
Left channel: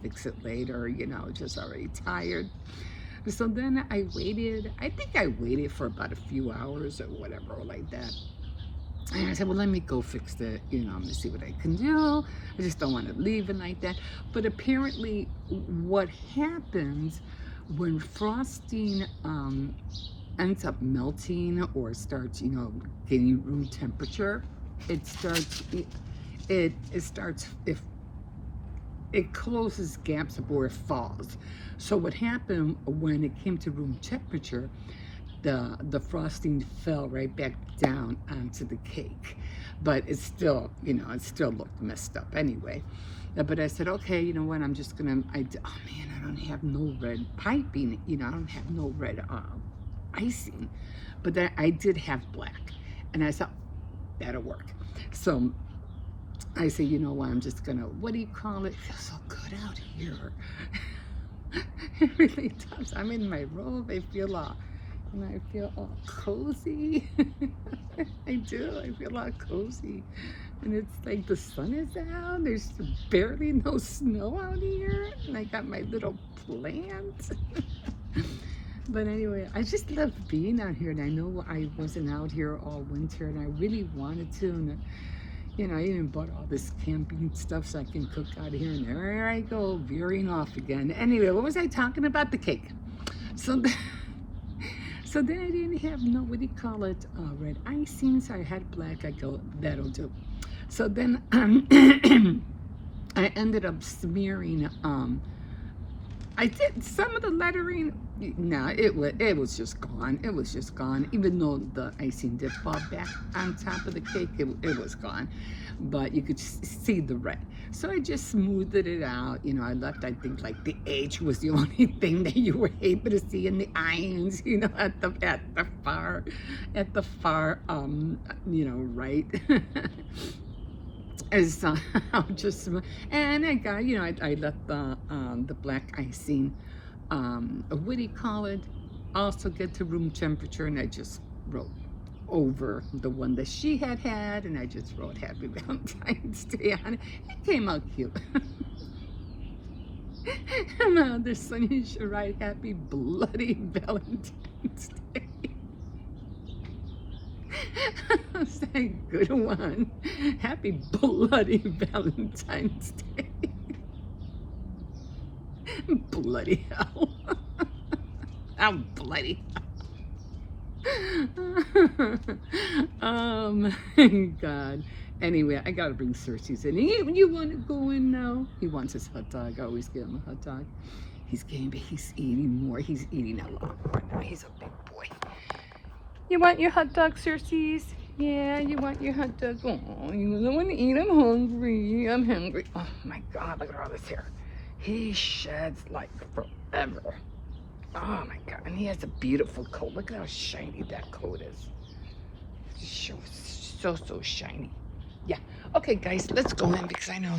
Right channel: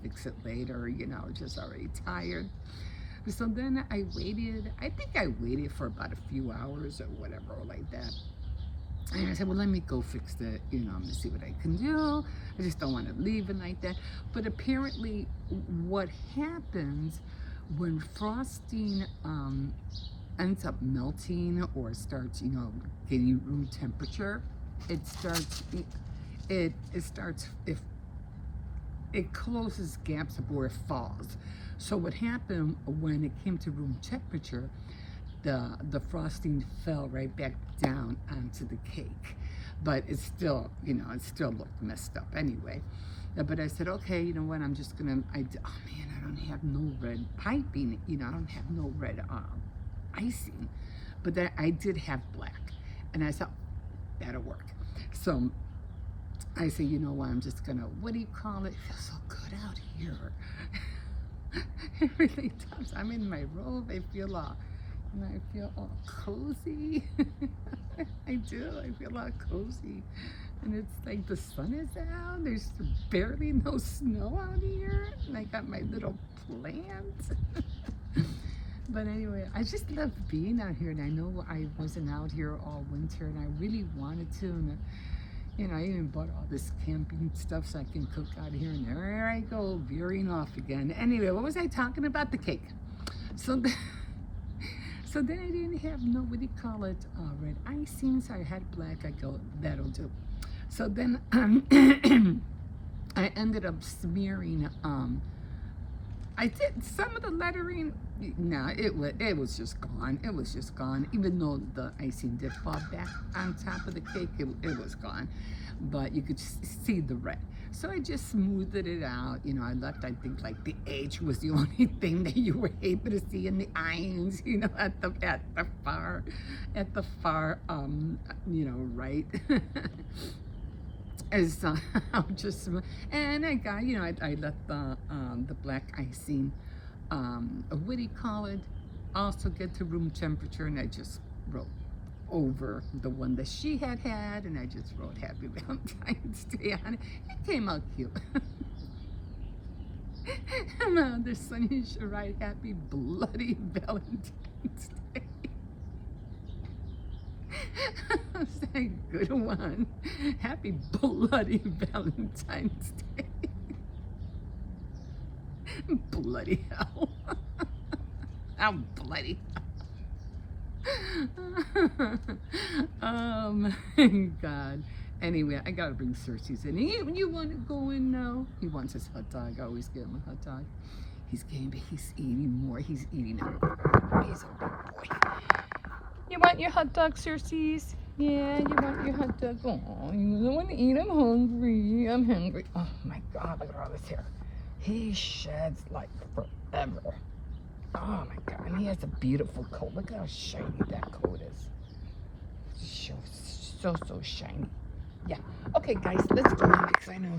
fix it later, you know, just already tired. So then I waited, I think I waited for about a few hours or whatever, like that. And I said, well, let me go fix it, you know, to see what I can do. I just don't want to leave it like that. But apparently what happens when frosting ends up melting or starts, you know, getting room temperature, it closes gaps before it falls. So what happened when it came to room temperature, the frosting fell right back down onto the cake. but it's still, it still looked messed up anyway. But I said, okay, you know what, I'm just gonna, oh man, I don't have no red piping, I don't have no red icing, but I did have black, and I thought, that'll work. So I say, you know what, I'm just gonna, what do you call it? It feels so good out here. It really does. I'm in my robe. I feel all cozy. I do. I feel all cozy. And it's like the sun is out. There's barely no snow out here. And I got my little plant. But anyway, I just love being out here. And I know I wasn't out here all winter, and I really wanted to. And I even bought all this camping stuff so I can cook out here, and there I go, veering off again. Anyway, what was I talking about? The cake. So then I didn't have no, what do you call it, red icing, so I had black. I go, that'll do. So then I ended up smearing, I did some of the lettering. No, it was just gone. It was just gone. Even though the icing did fall back on top of the cake, it was gone. But you could see the red. So I just smoothed it out. I left, I think, like the H was the only thing that you were able to see in the irons, at the far, right. As just, and I got, I left the black icing, what do you call it, also get to room temperature, and I just wrote over the one that she had, and I just wrote Happy Valentine's Day on it. It came out cute. And my other son, you should write Happy Bloody Valentine's Day. That's a good one. Happy Bloody Valentine's Day. Bloody hell. Oh, bloody hell. God. Anyway, I gotta bring Xcercies in. You want to go in now? He wants his hot dog. I always get him a hot dog. He's getting, but he's eating more. He's eating a lot. He's a big boy. You want your hot dog, Xcercies? Yeah, you want your hot dog? Oh, you don't want to eat? I'm hungry. I'm hungry. Oh my God, look at all this hair. He sheds like forever. Oh my God, and he has a beautiful coat. Look at how shiny that coat is. So shiny. Yeah. Okay, guys, let's go in because I know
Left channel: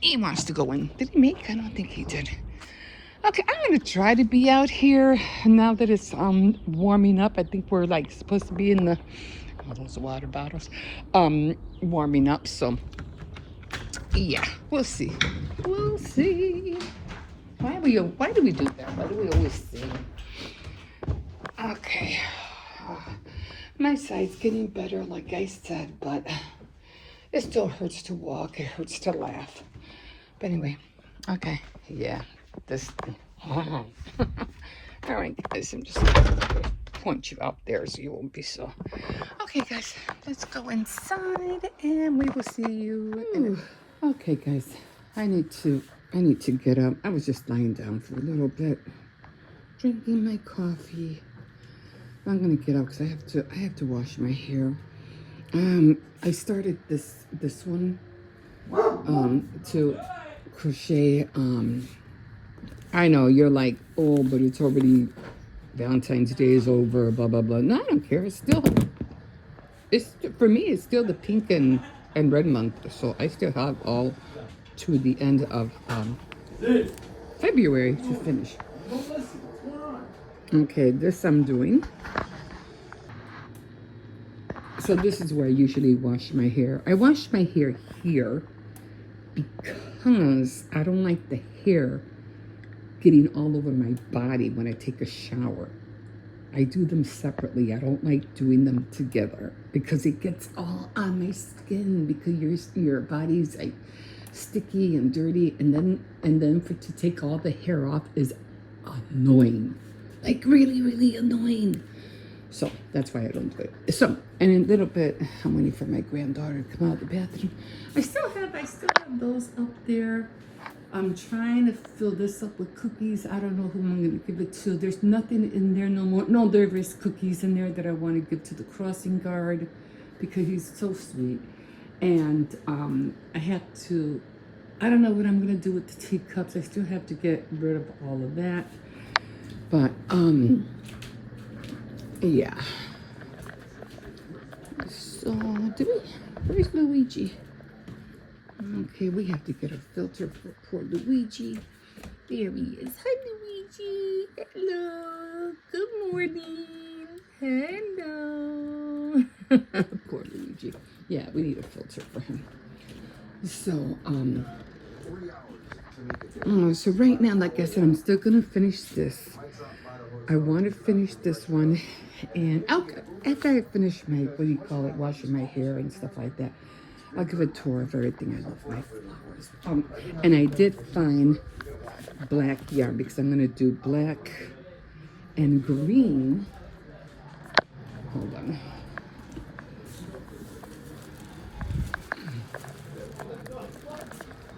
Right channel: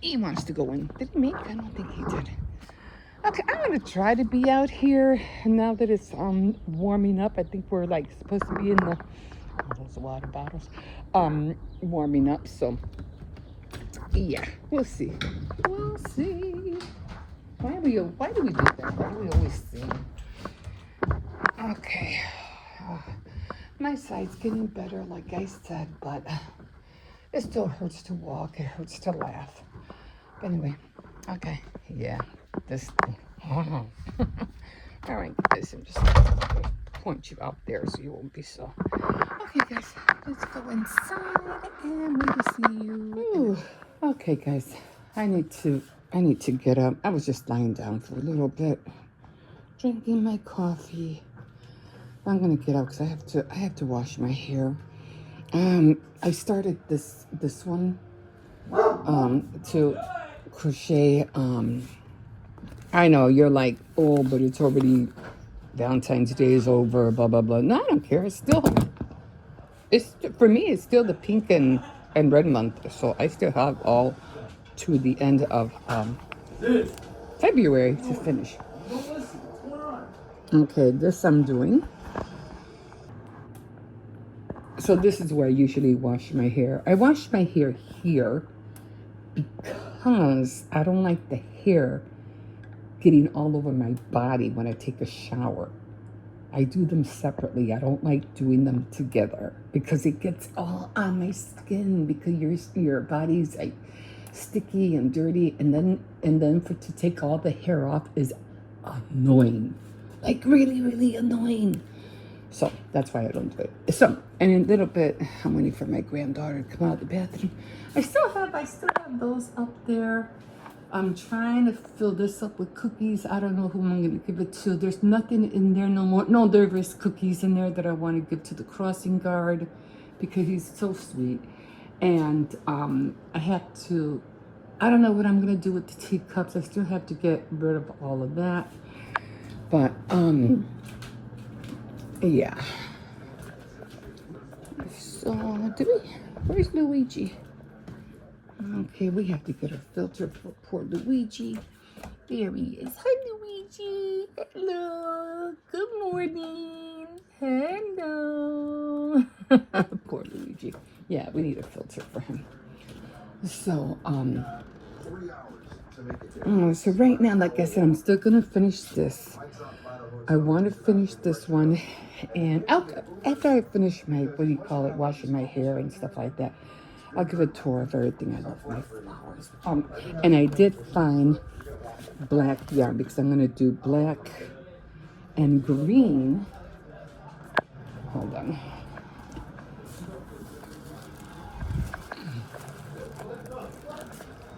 he wants to go in. Did he make? I don't think he did. Okay, I'm gonna try to be out here now that it's warming up. I think we're like supposed to be in the those water bottles warming up. So yeah, we'll see. We'll see. Why do we do that? Why do we always see? Okay. My side's getting better, like I said, but it still hurts to walk. It hurts to laugh. But anyway, okay, yeah, this thing. All right, guys, I'm just gonna point you out there so you won't be so. Okay, guys, let's go inside and we will see you. Ooh. Okay, guys, I need to get up. I was just lying down for a little bit, drinking my coffee. I'm gonna get up because I have to wash my hair. I started this one to crochet. I know you're like, oh, but it's already Valentine's Day is over, blah blah blah. No, I don't care. It's for me. It's still the pink and red month, so I still have all to the end of February to finish. Okay, this I'm doing. So this is where I usually wash my hair. I wash my hair here because I don't like the hair getting all over my body when I take a shower. I do them separately. I don't like doing them together because it gets all on my skin because your body's like sticky and dirty, and then to take all the hair off is annoying, like really, really annoying. So that's why I don't do it. So, and in a little bit, I'm waiting for my granddaughter to come out of the bathroom. I still have those up there. I'm trying to fill this up with cookies. I don't know who I'm going to give it to. There's nothing in there no more. No, there is cookies in there that I want to give to the crossing guard because he's so sweet. And I have to, I don't know what I'm going to do with the teacups. I still have to get rid of all of that. But, yeah. So, where's Luigi? Okay, we have to get a filter for poor Luigi. There he is. Hi, Luigi. Hello. Good morning. Hello. Poor Luigi. Yeah, we need a filter for him. So, so right now, like I said, I'm still gonna finish this. I want to finish this one, and after I finish my, what do you call it, washing my hair and stuff like that, I'll give a tour of everything. I love my flowers. And I did find black yarn because I'm gonna do black and green. Hold on.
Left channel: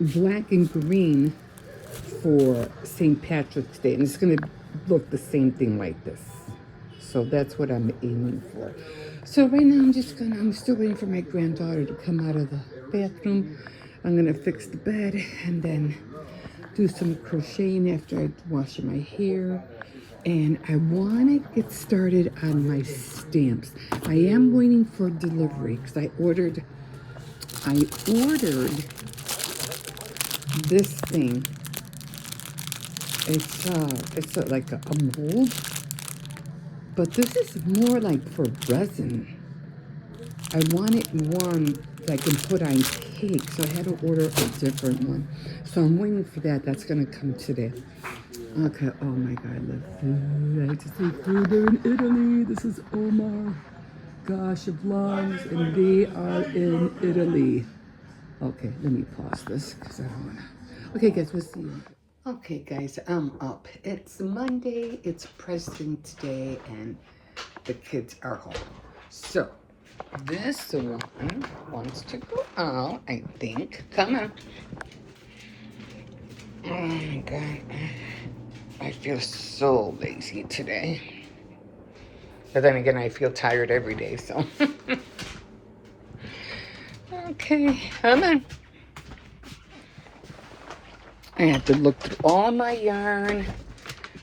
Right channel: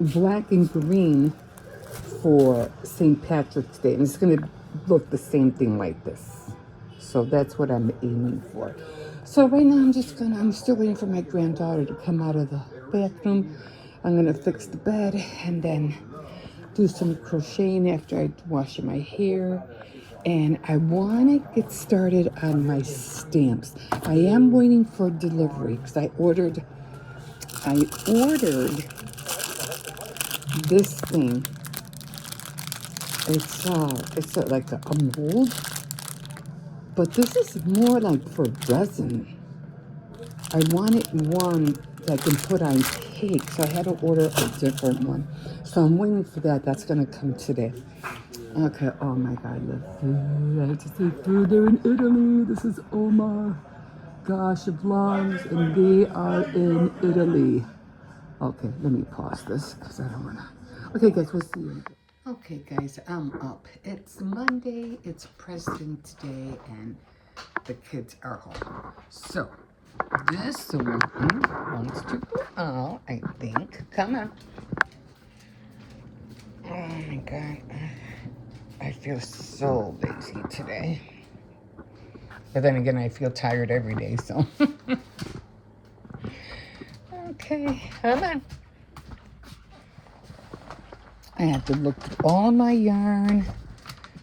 Black and green for St. Patrick's Day, and it's gonna look the same thing like this. So that's what I'm aiming for. So right now I'm still waiting for my granddaughter to come out of the bathroom. I'm gonna fix the bed and then do some crocheting after I wash my hair. And I wanna get started on my stamps. I am waiting for delivery because I ordered this thing. It's like a mold, but this is more like for resin. I wanted one that I can put on cake, so I had to order a different one. So I'm waiting for that. That's gonna come today. Okay. Oh my God, look. I had to take food. They're in Italy. This is oh my gosh vlogs, and they are in Italy. Okay, let me pause this because I don't wanna. Okay, guys, we'll see you. Okay, guys, I'm up. It's Monday, it's President's Day, and the kids are home. So, this one wants to go out, I think. Come on. Oh my God. I feel so lazy today. But then again, I feel tired every day, so. Okay, come on. I have to look through all my yarn,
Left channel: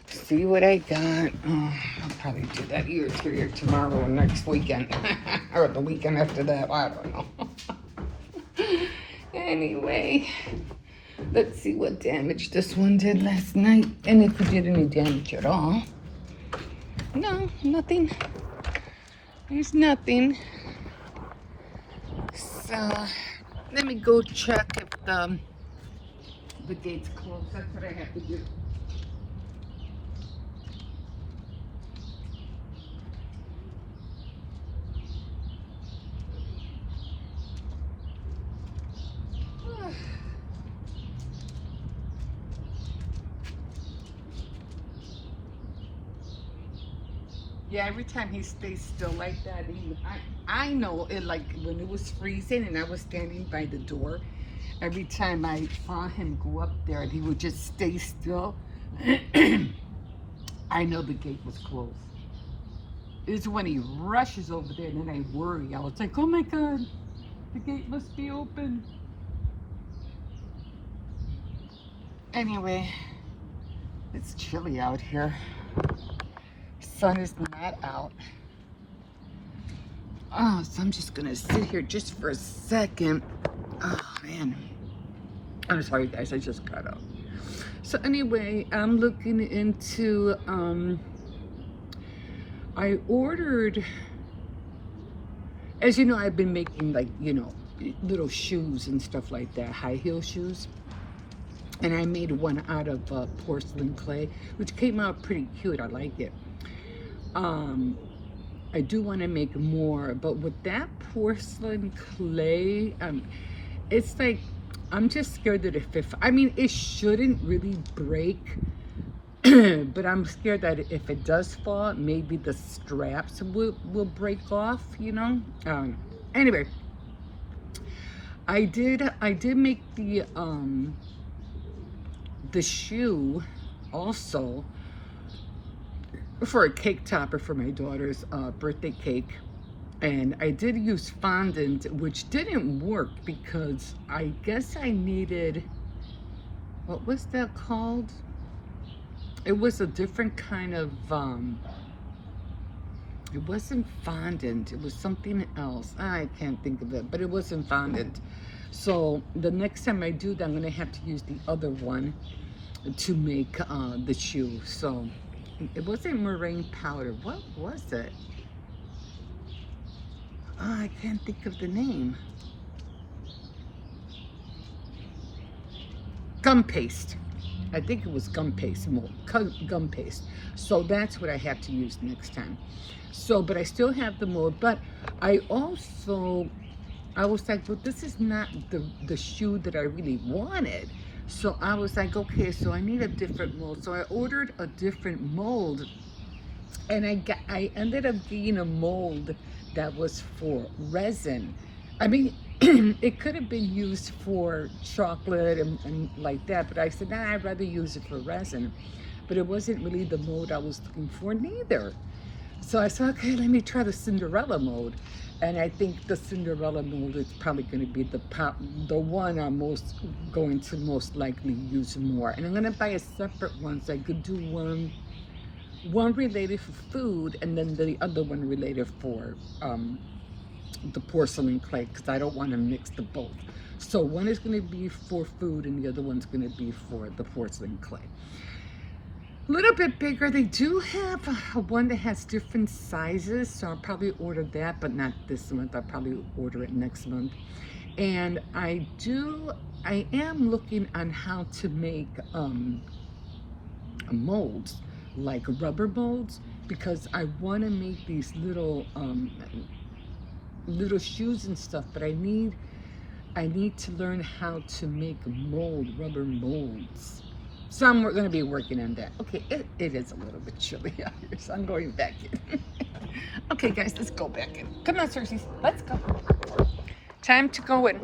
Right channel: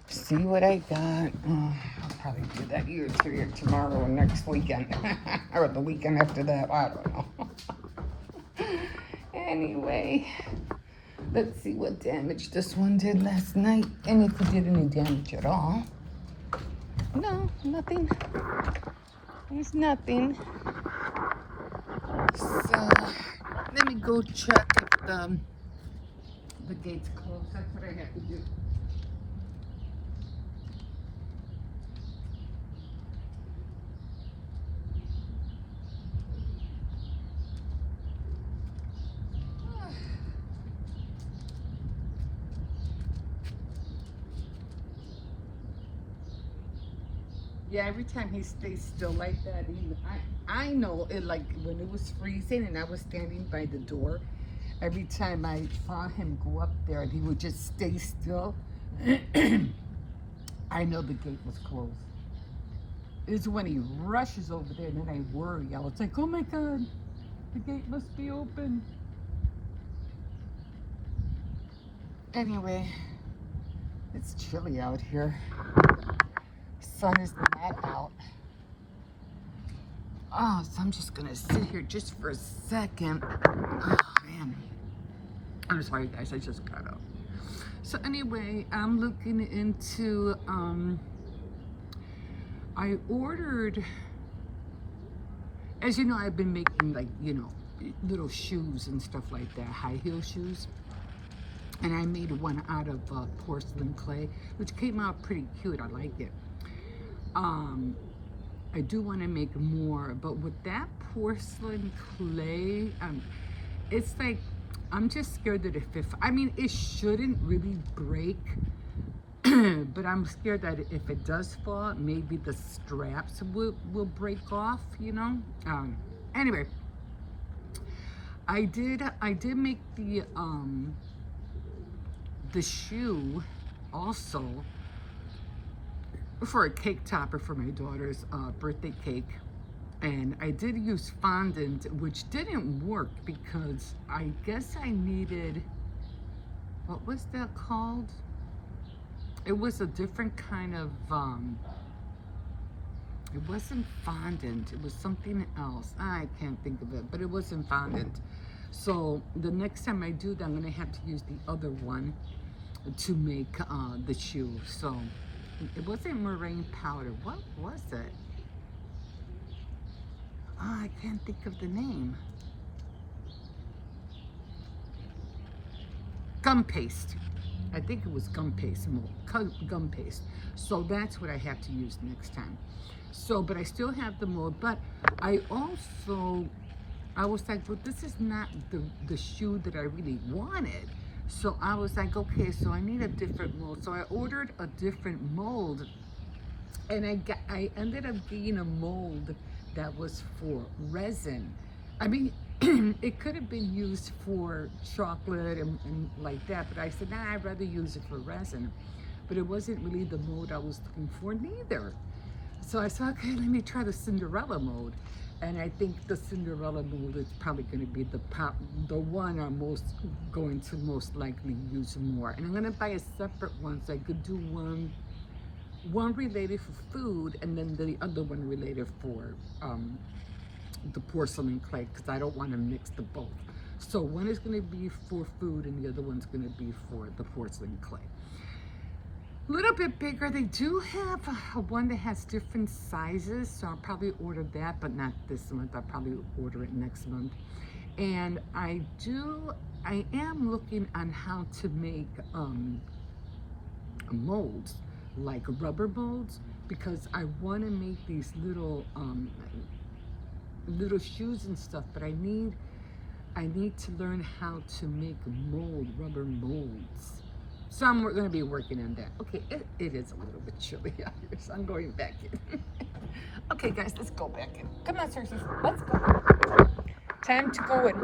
see what I got. Oh, I'll probably do that either tomorrow or next weekend. Or the weekend after that, I don't know. Anyway, let's see what damage this one did last night. And if it did any damage at all. No, nothing. There's nothing. So, let me go check if the gate's closed. That's what I have to do. Yeah, every time he stays still like that, I know it, like when it was freezing and I was standing by the door, every time I saw him go up there and he would just stay still, I know the gate was closed. It's when he rushes over there and then I worry. I was like, oh my God, the gate must be open. Anyway, it's chilly out here. Sun is not out. Oh, so I'm just gonna sit here just for a second. Oh man, I'm sorry guys, I just got up. So anyway, I'm looking into I ordered, as you know, I've been making like, you know, little shoes and stuff like that, high heel shoes. And I made one out of porcelain clay, which came out pretty cute. I like it. I do want to make more, but with that porcelain clay, it's like, I'm just scared that I mean, it shouldn't really break, but I'm scared that if it does fall, maybe the straps will break off, you know? Anyway, I did make the shoe also for a cake topper for my daughter's birthday cake. And I did use fondant, which didn't work because I guess I needed, what was that called? It was a different kind of, it wasn't fondant, it was something else. I can't think of it, but it wasn't fondant. So the next time I do that, I'm gonna have to use the other one to make the shoe. So it wasn't meringue powder. What was it? Oh, I can't think of the name. Gum paste. I think it was gum paste, gum paste. So that's what I have to use next time. So, but I still have the mold, but I also, I was like, well, this is not the shoe that I really wanted. So I was like, okay, so I need a different mold. So I ordered a different mold, and I ended up getting a mold that was for resin. I mean, it could have been used for chocolate and like that, but I said, nah, I'd rather use it for resin. But it wasn't really the mold I was looking for neither. So I said, okay, let me try the Cinderella mold. And I think the Cinderella mold is probably going to be the one I'm going to most likely use more. And I'm going to buy a separate one so I could do one related for food, and then the other one related for the porcelain clay, because I don't want to mix the both. So one is going to be for food and the other one's going to be for the porcelain clay. A little bit bigger. They do have one that has different sizes, so I'll probably order that, but not this month. I'll probably order it next month. And I am looking on how to make molds, like rubber molds, because I want to make these little little shoes and stuff, but I need to learn how to make rubber molds. So I'm going to be working on that. Okay, it is a little bit chilly out here, so I'm going back in. Okay, guys, let's go back in. Come on, xcercies, let's go. Time to go in.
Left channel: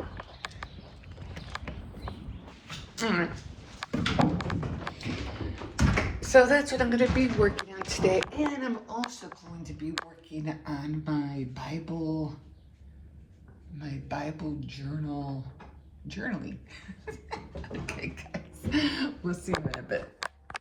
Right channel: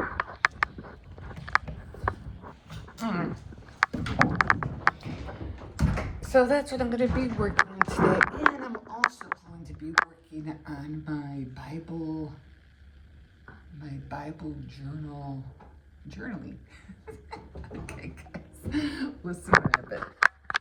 So that's what I'm going to be working on today, and I'm also going to be working on my Bible journaling. Okay, guys, we'll see you in a bit.